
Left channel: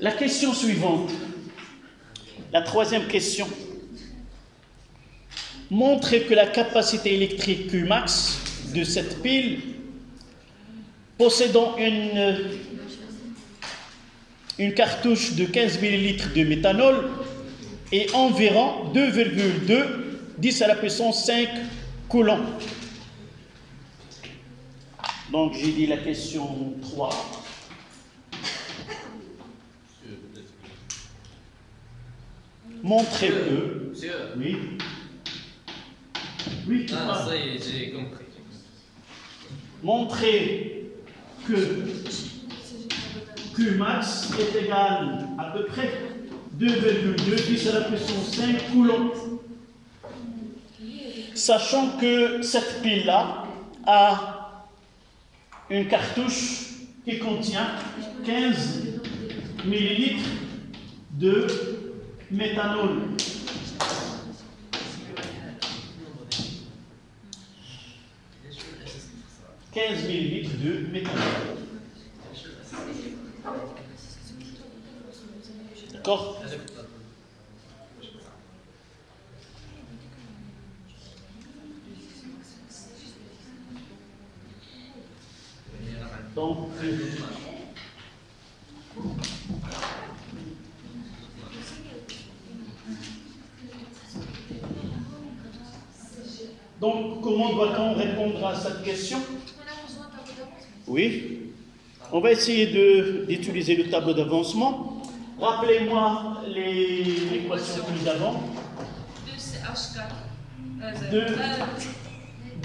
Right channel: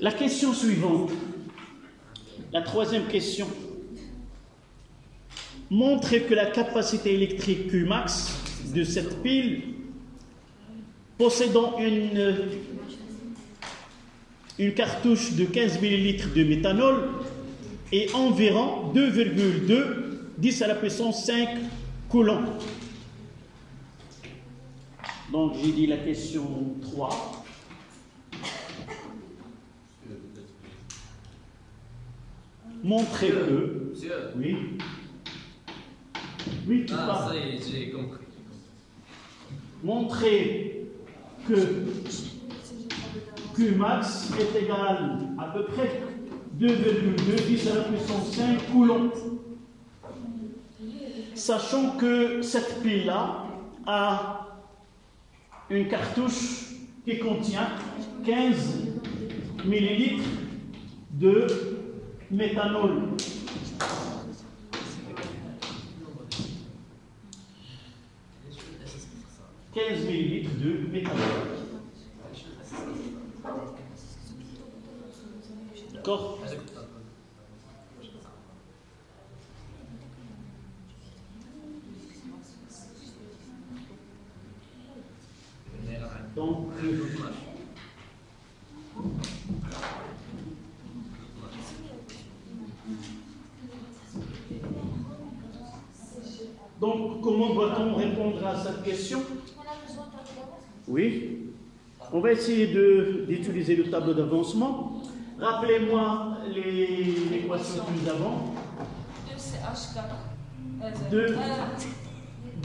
La question suivante, la troisième question, montre que la capacité électrique Qmax de cette pile possédant une une cartouche de 15 ml de méthanol et environ 2,2 10 à la puissance 5 coulombs. Donc j'ai dit la question 3. Montrez que... Oui. Oui, ah, ça y est, j'ai compris. Montrer que Qmax est égal à peu près 2,2 10 à la puissance 5 coulombs. Sachant que cette pile-là a une cartouche qui contient 15 ml de méthanol. 15 ml de méthanol. D'accord? Donc, comment doit-on répondre à cette question? Oui, on va essayer d'utiliser le tableau d'avancement. Rappelez-moi les équations que nous avons.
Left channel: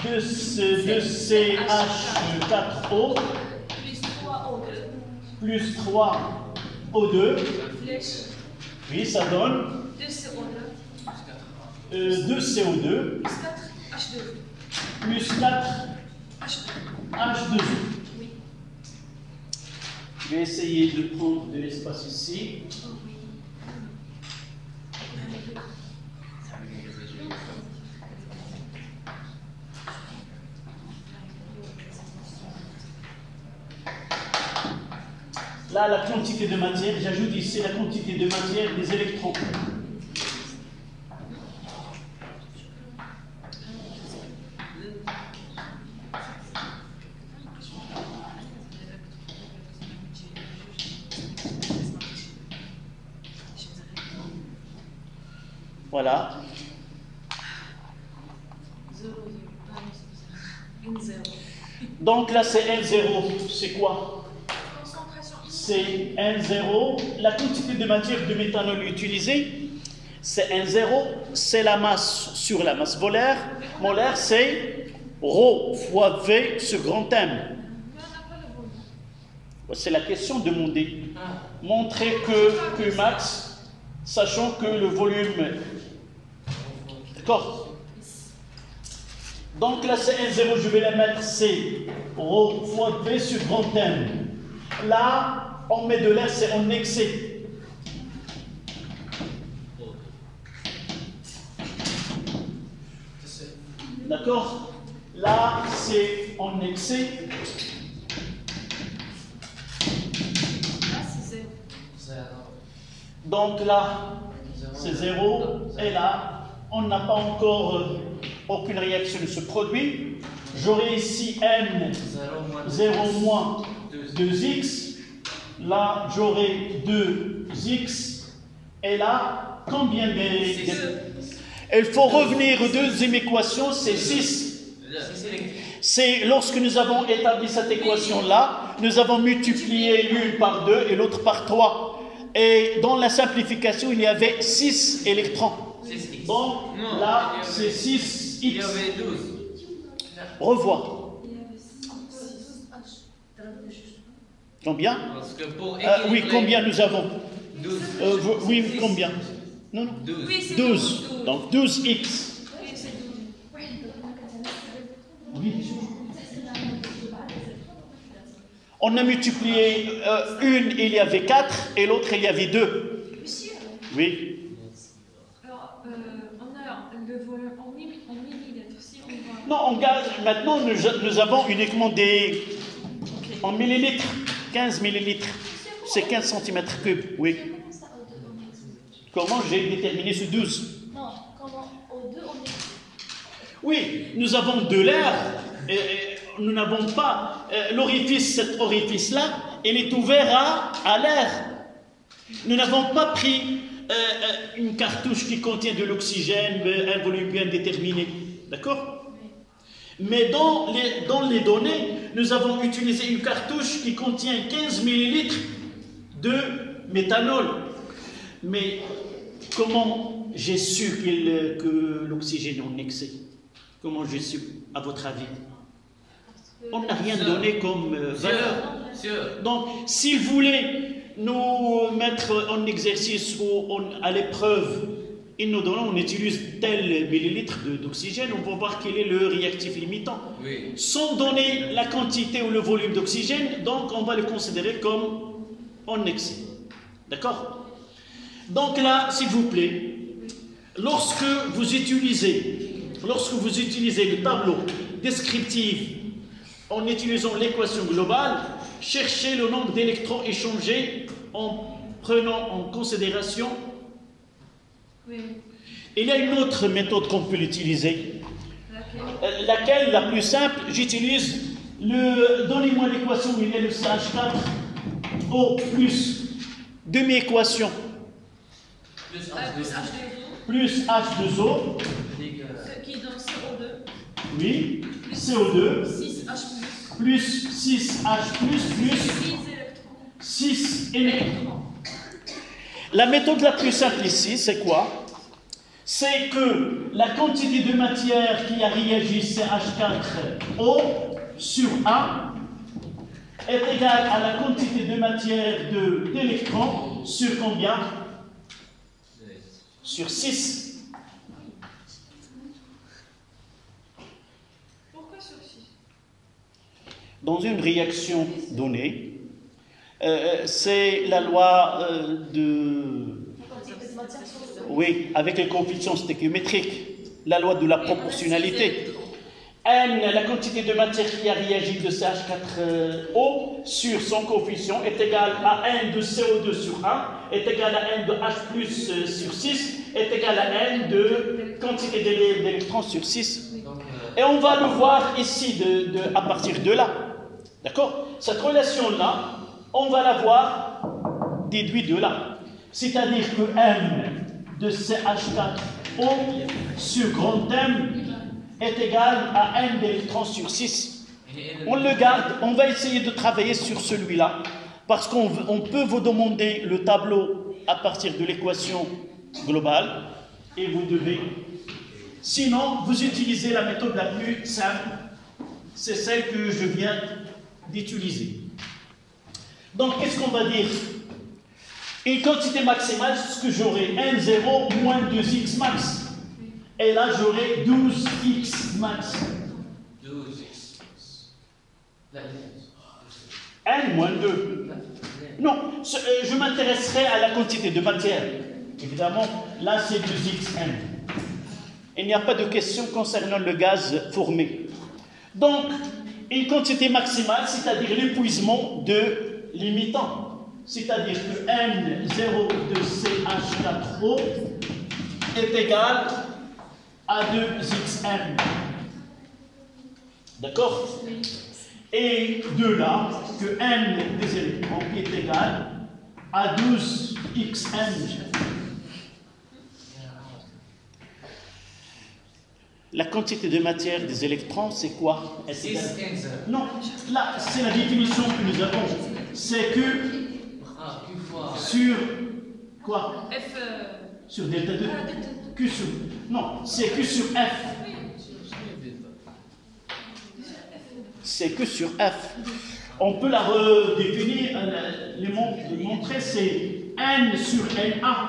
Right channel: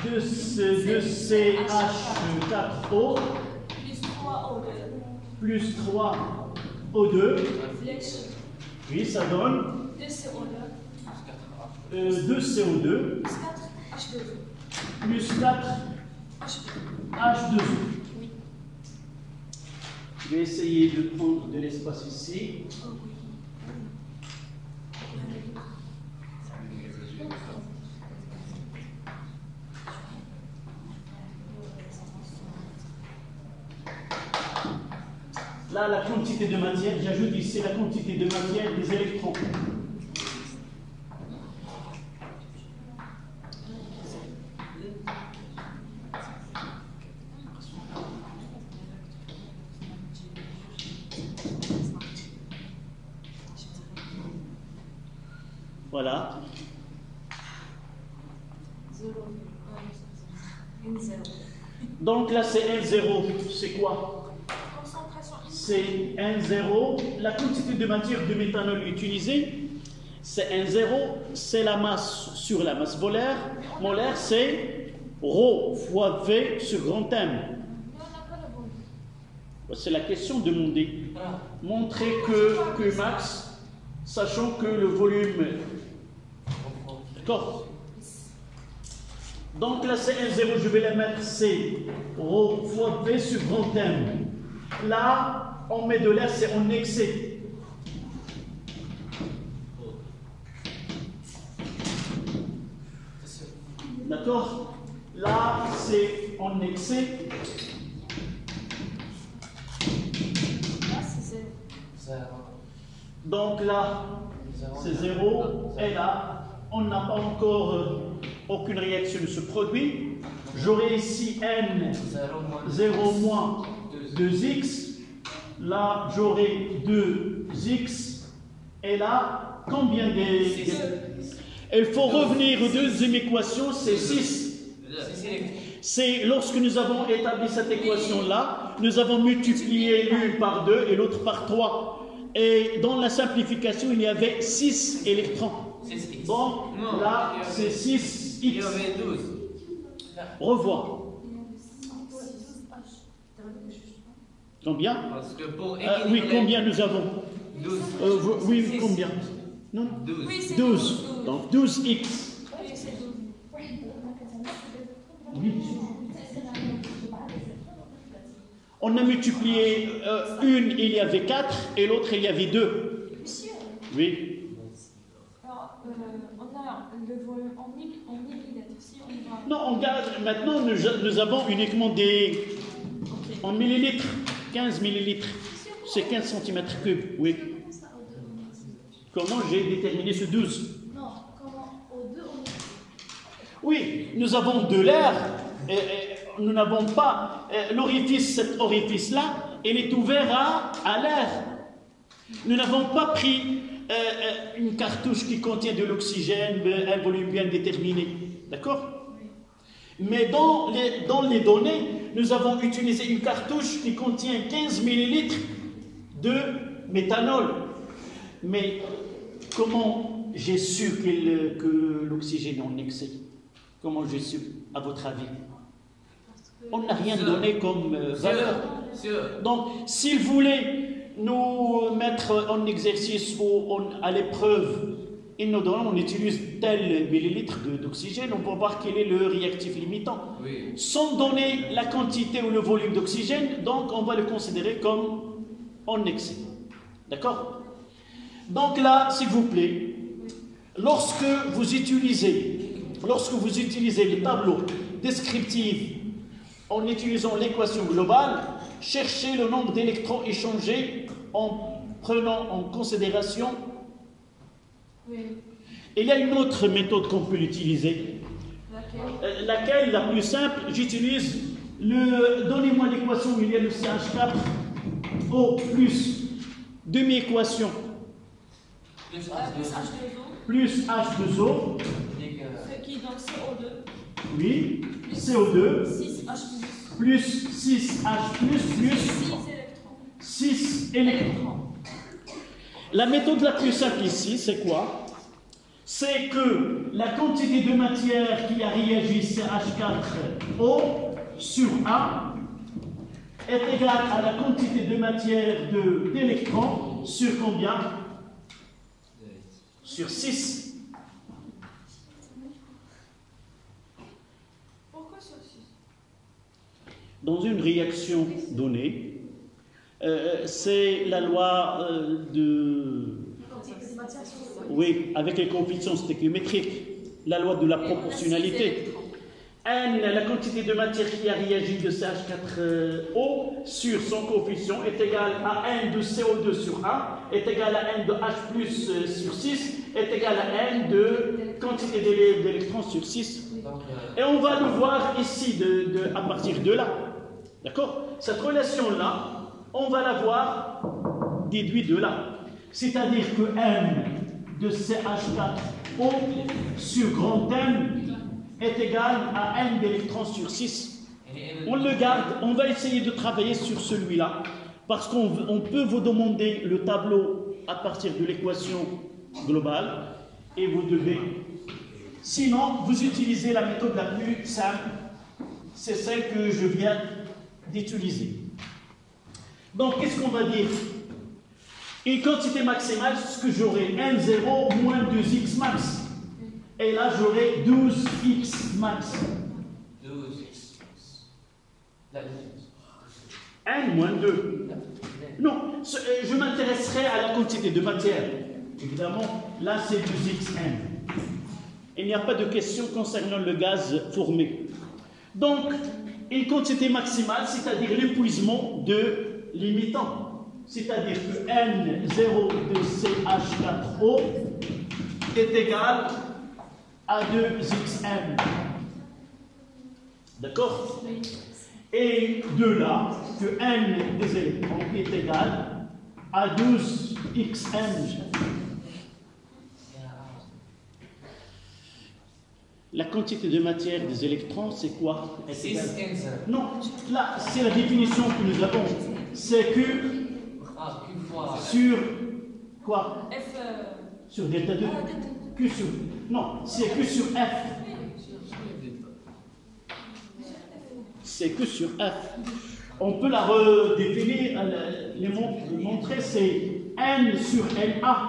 2CH4O plus 3O2. Oui, ça donne 2CO2 plus 4H2O. Je vais essayer de prendre de l'espace ici. Là, la quantité de matière, j'ajoute ici la quantité de matière des électrons. Voilà. Donc là, c'est N0. C'est quoi? C'est N0. La quantité de matière de méthanol utilisée, c'est N0. C'est la masse sur la masse molaire. Molaire, c'est ρ fois V sur grand M. C'est la question demandée. Montrer que Qmax, sachant que le volume... D'accord. Donc là, c'est N0, je vais la mettre, c'est ρ fois V sur grand M. Là, on met de l'air, c'est en excès. D'accord? Là, c'est en excès. Donc là, c'est 0. Et là, on n'a pas encore aucune réaction de ce produit. J'aurai ici N0 moins 2x. Là, j'aurai 2x. Et là, combien des... Il faut revenir aux deuxième équation, c'est 6. C'est lorsque nous avons établi cette équation-là, nous avons multiplié l'une par 2 et l'autre par 3. Et dans la simplification, il y avait 6 électrons. Donc là, c'est 6x. Il y avait 12. Revois. Combien? Parce que pour oui, combien nous avons? 12. Oui, combien? Non, non. 12. Oui, 12. Donc 12x. Oui. On a multiplié une, il y avait 4, et l'autre, il y avait 2. Monsieur. Oui. Alors, on a le volume en millilitres. Si on va... Non, on garde. Maintenant, nous avons uniquement des. Okay. En millilitres. 15 millilitres. C'est 15 cm3. Oui. Comment j'ai déterminé ce 12? Non, comment au 2 on... Oui, nous avons de l'air. Nous n'avons pas l'orifice, cet orifice-là, il est ouvert à l'air. Nous n'avons pas pris une cartouche qui contient de l'oxygène, un volume bien déterminé. D'accord? Mais dans les données, nous avons utilisé une cartouche qui contient 15 millilitres de méthanol. Mais comment j'ai su que l'oxygène est en excès? Comment j'ai su, à votre avis? On n'a rien donné comme valeur. Donc, s'il voulait nous mettre en exercice ou à l'épreuve, il nous donne, on utilise tel millilitre d'oxygène, on peut voir quel est le réactif limitant. Oui. Sans donner la quantité ou le volume d'oxygène, donc on va le considérer comme en excès. D'accord? Donc là, s'il vous plaît, lorsque vous utilisez le tableau descriptif en utilisant l'équation globale, cherchez le nombre d'électrons échangés en prenant en considération. Oui. Il y a une autre méthode qu'on peut utiliser. Laquelle? La plus simple, j'utilise donnez-moi l'équation où il y a le CH4O plus demi-équation. Plus H2O. Qui donne CO2. Oui, CO2. 6H+. Plus 6H+, plus 6 électrons. La méthode la plus simple ici, c'est quoi? C'est que la quantité de matière qui a réagi CH4O sur A est égale à la quantité de matière d'électrons sur combien? Sur 6. Pourquoi sur 6? Dans une réaction donnée, c'est la loi oui, avec les coefficients stéchiométriques, la loi de la proportionnalité. N, la quantité de matière qui a réagi de CH4O sur son coefficient est égale à N de CO2 sur 1, est égal à N de H+ sur 6, est égal à N de quantité d'électrons sur 6. Et on va le voir ici à partir de là. D'accord? Cette relation-là, on va la voir déduite de là. C'est-à-dire que M de CH4O sur grand M est égal à N d'électrons sur 6. On le garde, on va essayer de travailler sur celui-là, parce qu'on peut vous demander le tableau à partir de l'équation globale, et vous devez. Sinon, vous utilisez la méthode la plus simple, c'est celle que je viens d'utiliser. Donc, qu'est-ce qu'on va dire? Une quantité maximale, c'est ce que j'aurai N0 moins 2x max. Et là, j'aurai 12x max. 12x. N moins 2. Non, je m'intéresserai à la quantité de matière. Évidemment, là, c'est 2xn. Il n'y a pas de question concernant le gaz formé. Donc, une quantité maximale, c'est-à-dire l'épuisement de limitant. C'est-à-dire que N0 de CH4O est égal à 2xn. D'accord? Et de là, que N des électrons est égal à 12xn. La quantité de matière des électrons, c'est quoi? Non, là, c'est la définition que nous avons. C'est que sur quoi? F. Sur delta 2. Que sur. Non, c'est que sur F. C'est que sur F. On peut la redéfinir, montrer, c'est N sur NA.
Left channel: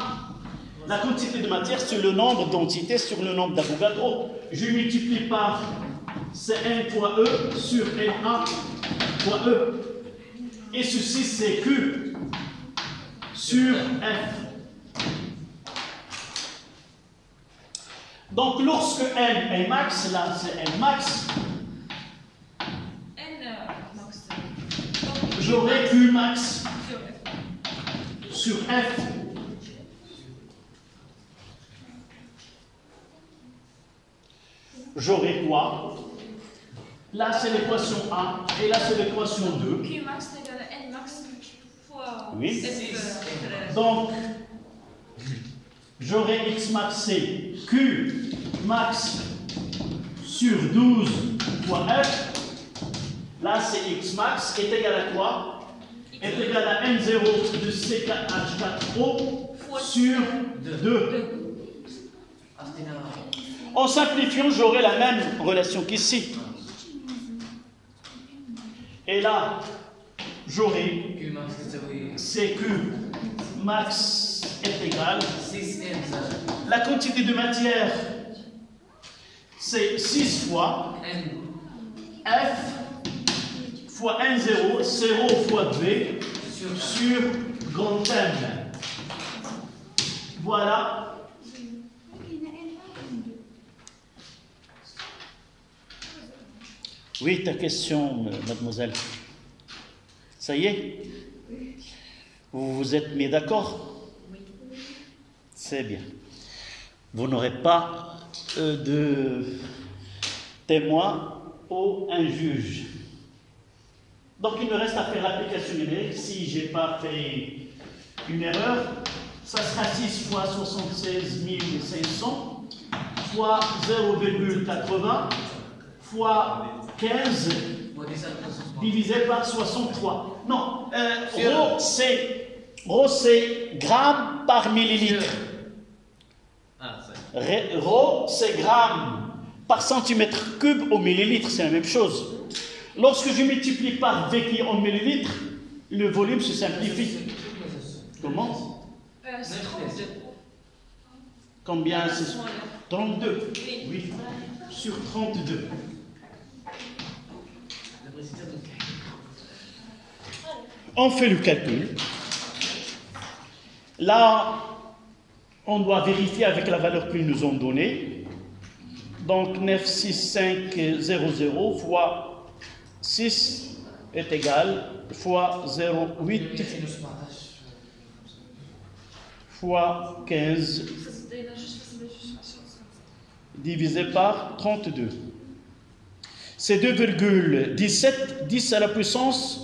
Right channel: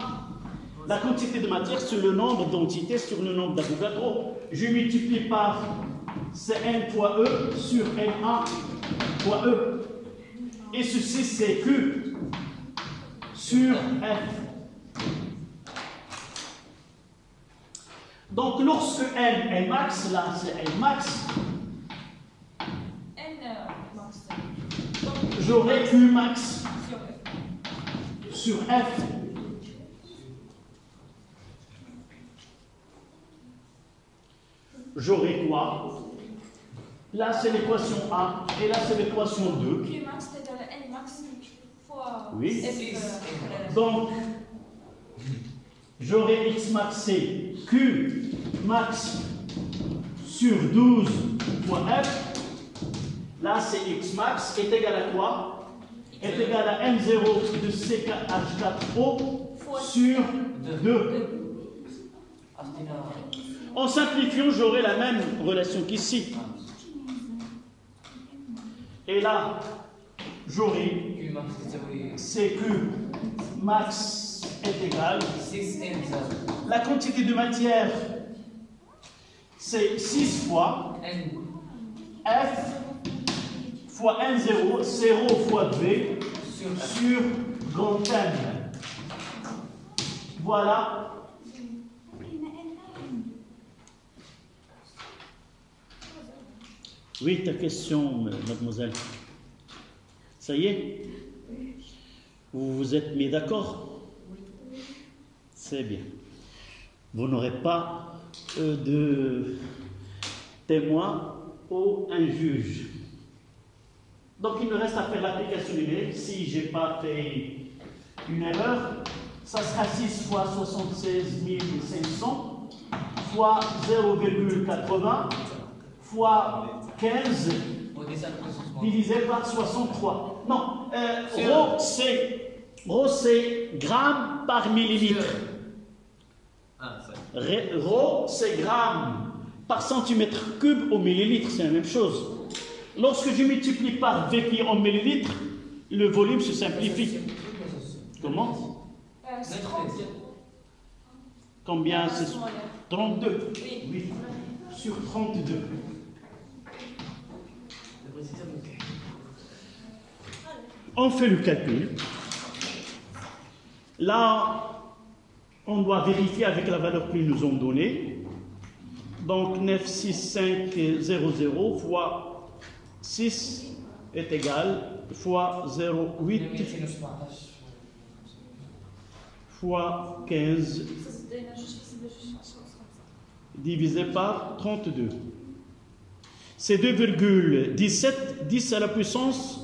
La quantité de matière sur le nombre d'entités sur le nombre d'Avogadro. Je multiplie par Cn fois E sur Na fois E. Et ceci, c'est Q sur F. Donc, lorsque N est max, là, c'est N max. Max. J'aurai Q max sur F. J'aurai quoi? Là, c'est l'équation 1 et là, c'est l'équation 2. Q max est égal à N max fois oui. F. Donc, j'aurai X max, c'est Q max sur 12 fois F. Là, c'est X max est égal à quoi? Est égal à M0 de C4H4O sur 2. En simplifiant, j'aurai la même relation qu'ici. Et là, j'aurai CQ max est égal. La quantité de matière, c'est 6 fois F fois N0, 0 fois V sur grand M. Voilà. Oui, ta question, mademoiselle. Ça y est? Vous vous êtes mis d'accord? Oui. C'est bien. Vous n'aurez pas de témoin ou un juge. Donc il me reste à faire l'application numérique. Si je n'ai pas fait une erreur, ça sera 6 fois 76 500 fois 0,80 fois 15 divisé par 63. Non, rho c'est gramme par millilitre. Rho c'est gramme par centimètre cube au millilitre, c'est la même chose. Lorsque je multiplie par V qui est en millilitres, le volume se simplifie. Comment? C'est 32. Combien c'est? 32. Oui, sur 32. On fait le calcul. Là, on doit vérifier avec la valeur qu'ils nous ont donnée. Donc 96500 fois 6 est égal fois 0,8 fois 15 divisé par 32. C'est 2,17, 10 à la puissance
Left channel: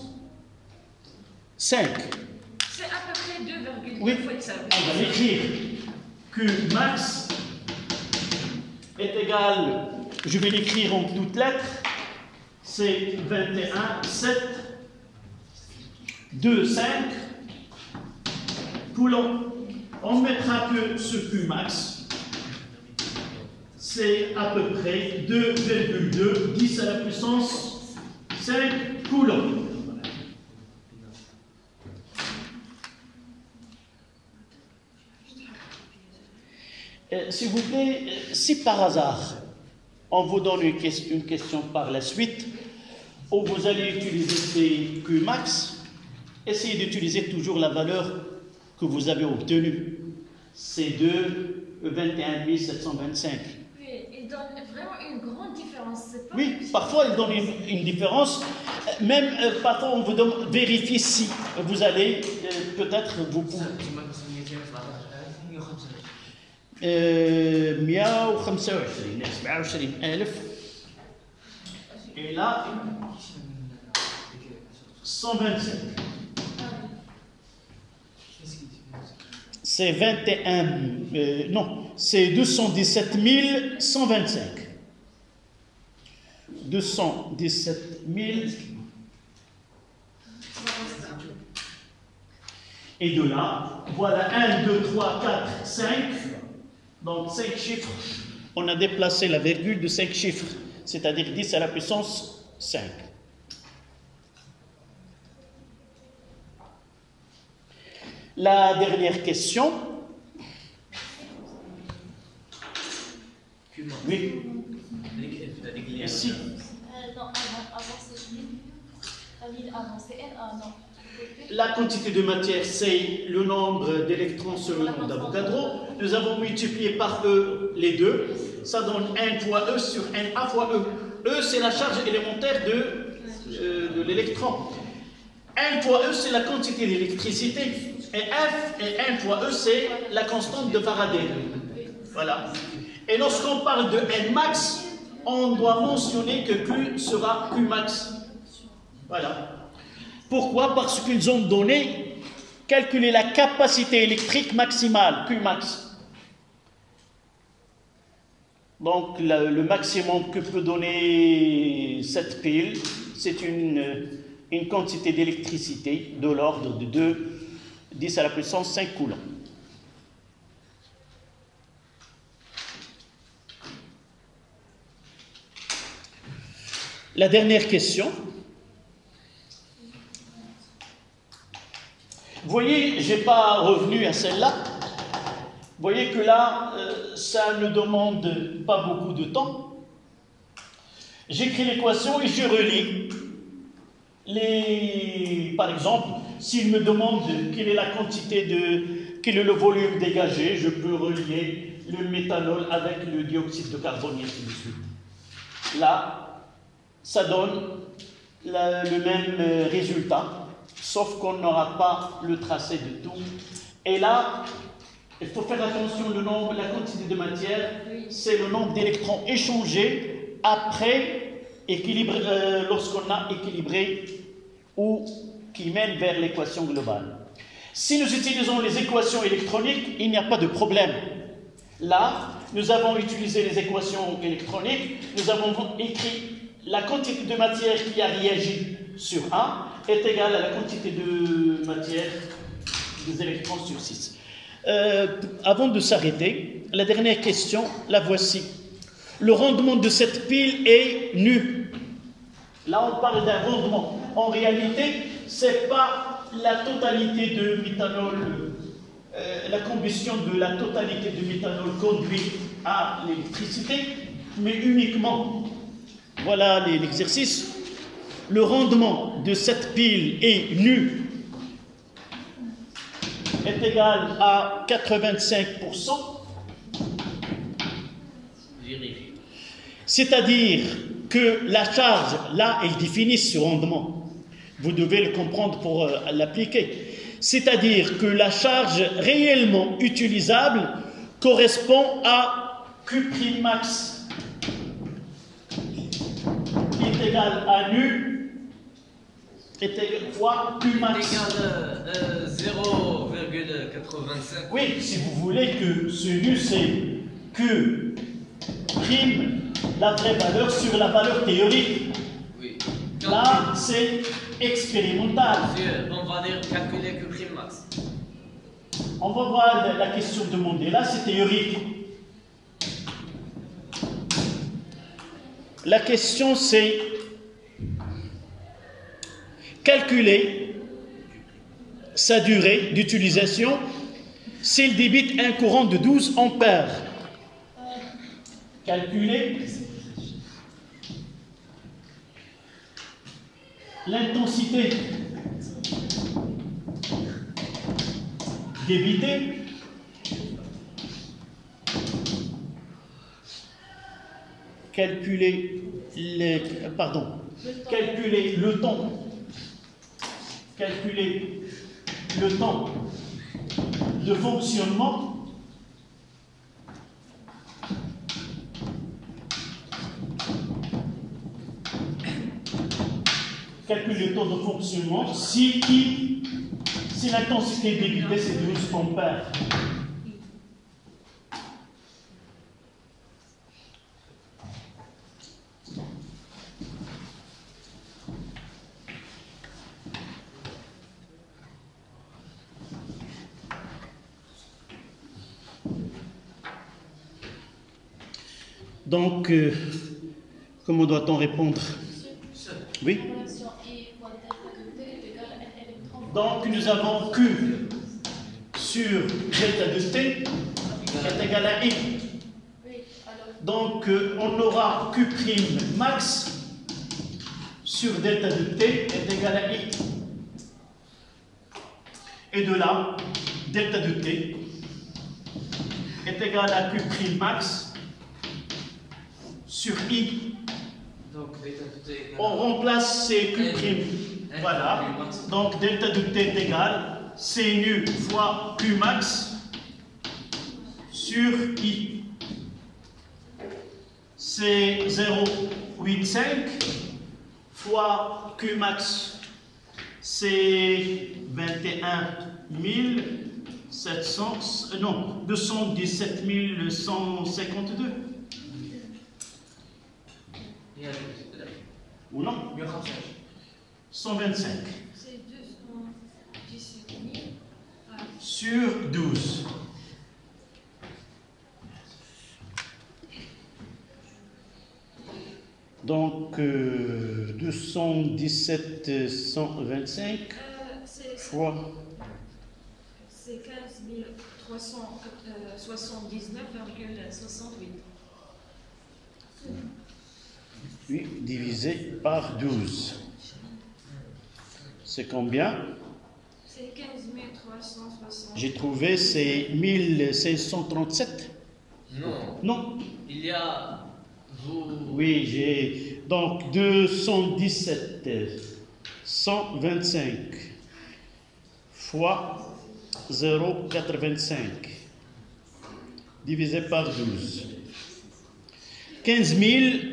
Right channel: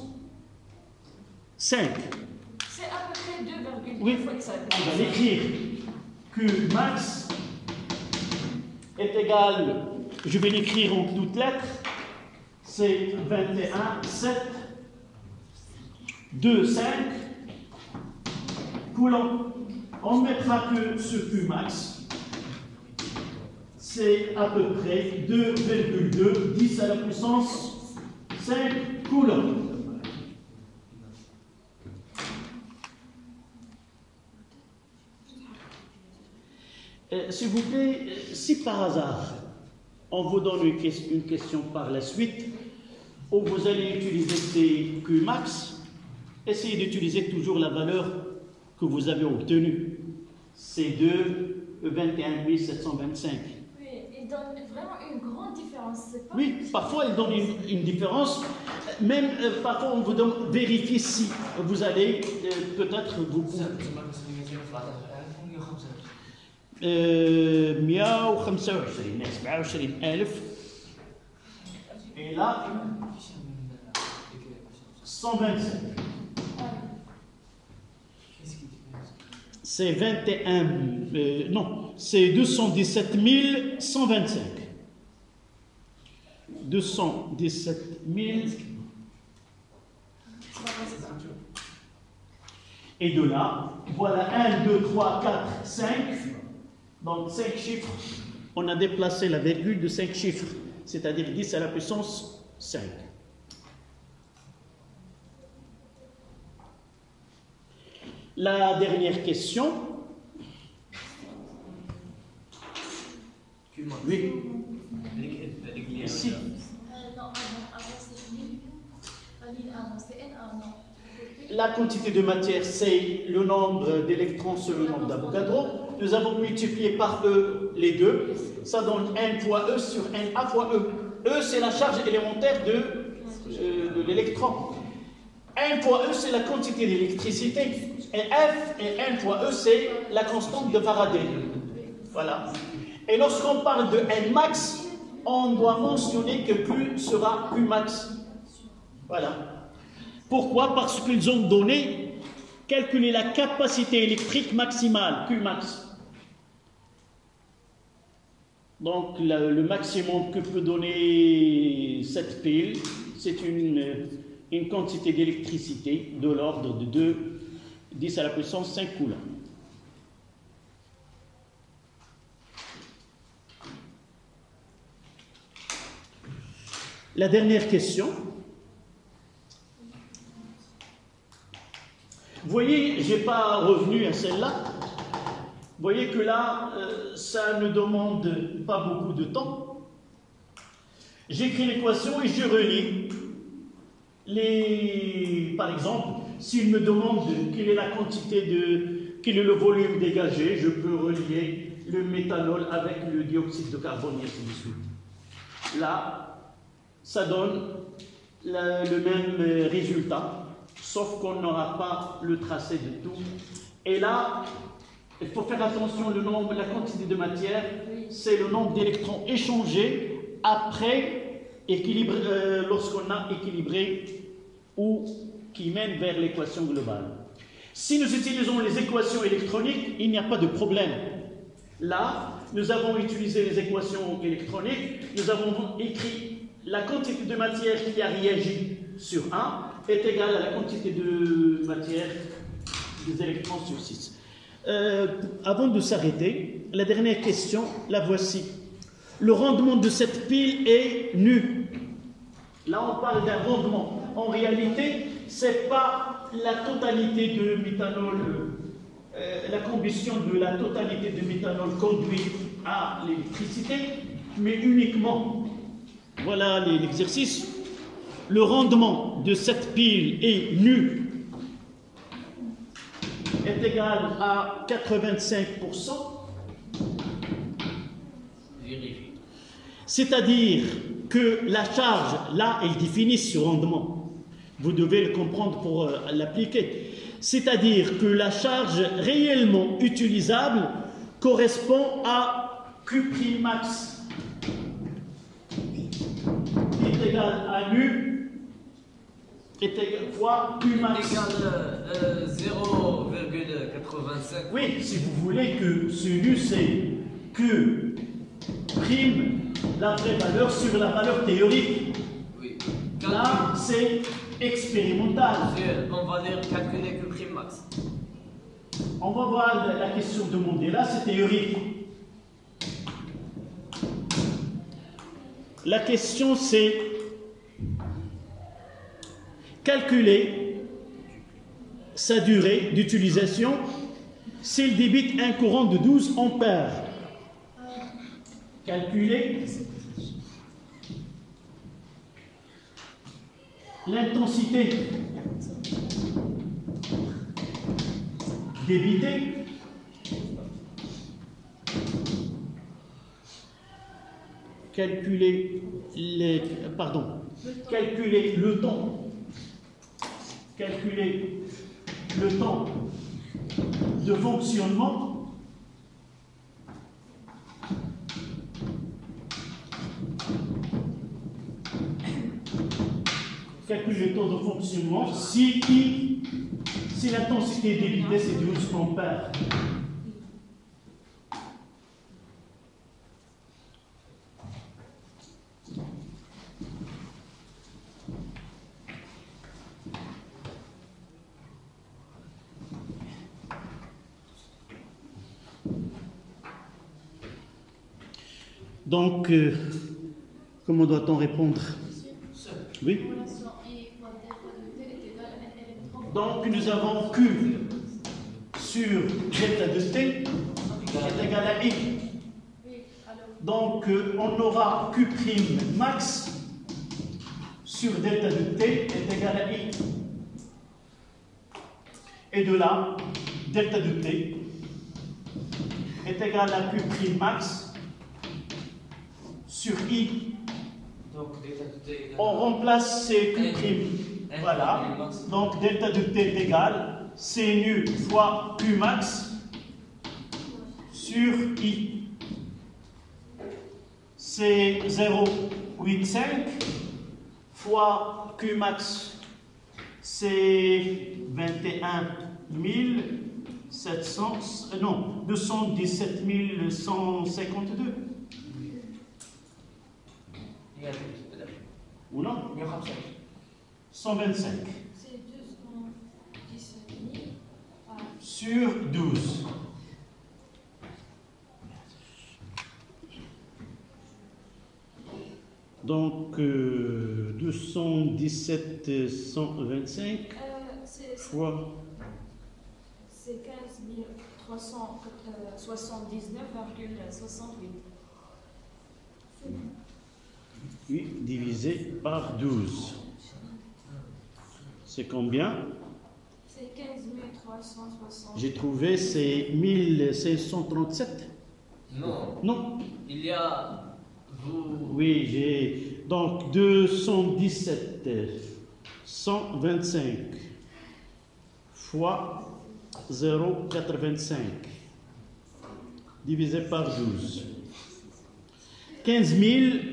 5. C'est à peu près 2,2 oui. fois 5. On va l'écrire. Q max est égal, je vais l'écrire en toutes lettres, c'est 21, 7, 2, 5 coulombs. On mettra que ce Q max, c'est à peu près 2,2, 10 à la puissance 5 coulombs. S'il vous plaît, si par hasard on vous donne une question par la suite où vous allez utiliser ces Qmax, essayez d'utiliser toujours la valeur que vous avez obtenue. C'est de 21 725. Oui, il donne vraiment une grande différence. Oui, parfois il donne une différence. Même parfois on vous demande vérifier si vous allez peut-être vous pouvez. 125,000 et là 125. C'est 21 non, c'est 217 125. 217 000. Et de là, voilà 1, 2, 3, 4, 5. Donc 5 chiffres, on a déplacé la virgule de 5 chiffres, c'est-à-dire 10 à la puissance 5. La dernière question. Oui. Ici. Non, avant c'est NA, non. La quantité de matière, c'est le nombre d'électrons sur le nombre d'Avogadro. Nous avons multiplié par E les deux. Ça donne N fois E sur NA fois E. E, c'est la charge élémentaire de l'électron. N fois E, c'est la quantité d'électricité. Et F et N fois E, c'est la constante de Faraday. Voilà. Et lorsqu'on parle de N max, on doit mentionner que Q sera Q max. Voilà. Pourquoi? Parce qu'ils ont donné calculer la capacité électrique maximale, Qmax. Donc le maximum que peut donner cette pile, c'est une quantité d'électricité de l'ordre de 10 à la puissance 5 coulombs. La dernière question. Vous voyez, je n'ai pas revenu à celle-là. Vous voyez que là, ça ne demande pas beaucoup de temps. J'écris l'équation et je relis. Par exemple, s'il me demande quelle est la quantité quel est le volume dégagé, je peux relier le méthanol avec le dioxyde de carbone et ainsi de suite. Là, ça donne le même résultat, sauf qu'on n'aura pas le tracé de tout. Et là, il faut faire attention, la quantité de matière, c'est le nombre d'électrons échangés après lorsqu'on a équilibré ou qui mène vers l'équation globale. Si nous utilisons les équations électroniques, il n'y a pas de problème. Là, nous avons utilisé les équations électroniques, nous avons écrit la quantité de matière qui a réagi sur A est égale à la quantité de matière des électrons sur 6. Avant de s'arrêter, la dernière question, la voici. Le rendement de cette pile est nu. Là, on parle d'un rendement. En réalité, ce n'est pas la totalité de méthanol, la combustion de la totalité de méthanol conduit à l'électricité, mais uniquement, voilà l'exercice, le rendement de cette pile est nu est égal à 85%, c'est-à-dire que la charge, là, elle définit ce rendement. Vous devez le comprendre pour l'appliquer. C'est-à-dire que la charge réellement utilisable correspond à Q'max, qui est égal à nu, fois Qmax. C'est égal 0,85. Oui, si vous voulez que ce nu, c'est Q prime la vraie valeur sur la valeur théorique. Oui. Là, c'est expérimental. On va dire calculer Qmax. On va voir la question demandée. Là, c'est théorique. La question, c'est calculer sa durée d'utilisation s'il débite un courant de 12 ampères. Calculer l'intensité débitée calculer le temps de fonctionnement si l'intensité débitée c'est 12 ampères. Donc, comment doit-on répondre? Oui. Donc, nous avons Q sur delta de T est égal à I. Donc, on aura Q' max sur delta de T est égal à I. Et de là, delta de T est égal à Q' max sur I. On remplace ces Q'. Voilà. Donc delta de T est égal C nu fois Q max sur I. C'est 0,85 fois Q max, c'est 21 1700, non, 217 152. Ou non? 125. C'est 217 000 sur 12. Donc, 217 125 fois... C'est 15 379,68. Oui, divisé par 12. C'est combien? C'est 15 360. J'ai trouvé, c'est 1537. Non. Non. Il y a... Oui, j'ai... Donc, 217 125 fois 0,85 divisé par 12. 15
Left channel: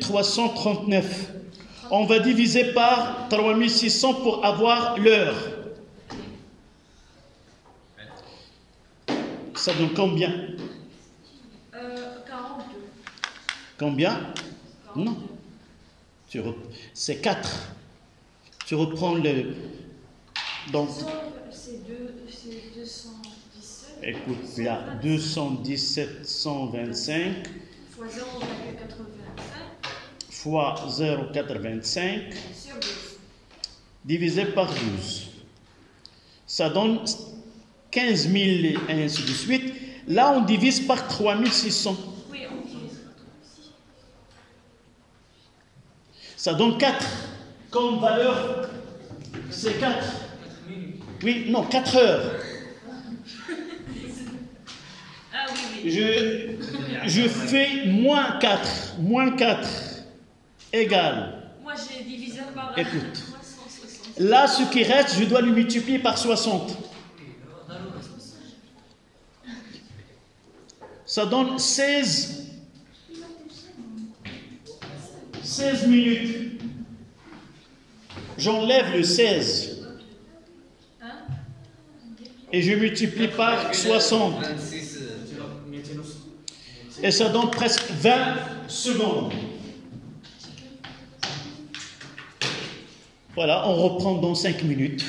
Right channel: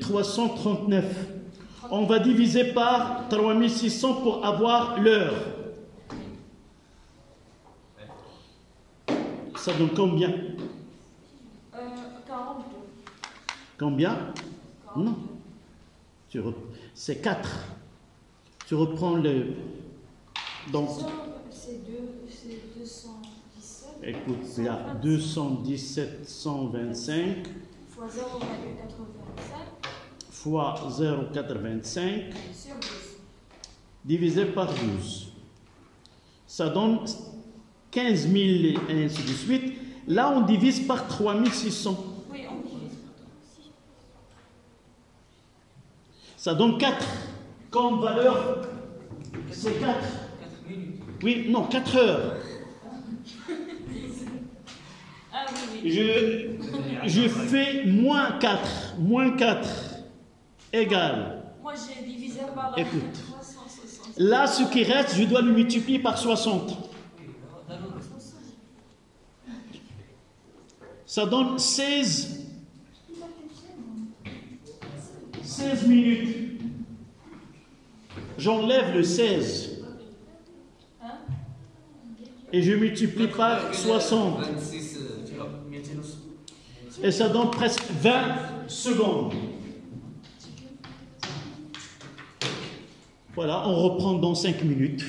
339. On va diviser par 3600 pour avoir l'heure. Ça donne combien? 42. Combien? Non. C'est 4. Tu reprends le... Donc... C'est 217. Écoute, il y a 217 125 fois 0,85 fois 0,85 sur 12. divisé par 12. Ça donne 15 000 et ainsi de suite. Là, on divise par 3600. Oui, on divise par 3600. Ça donne 4. Comme valeur, c'est 4. 4 minutes. Oui, non, 4 heures. Ah oui. Je fais moins 4. Moins 4 égale. Moi, j'ai divisé par Écoute. 360. Là, ce qui reste, je dois le multiplier par 60. Ça donne 16 minutes. J'enlève le 16 et je multiplie par 60. 26, Et ça donne presque 20 secondes. Voilà, on reprend dans 5 minutes.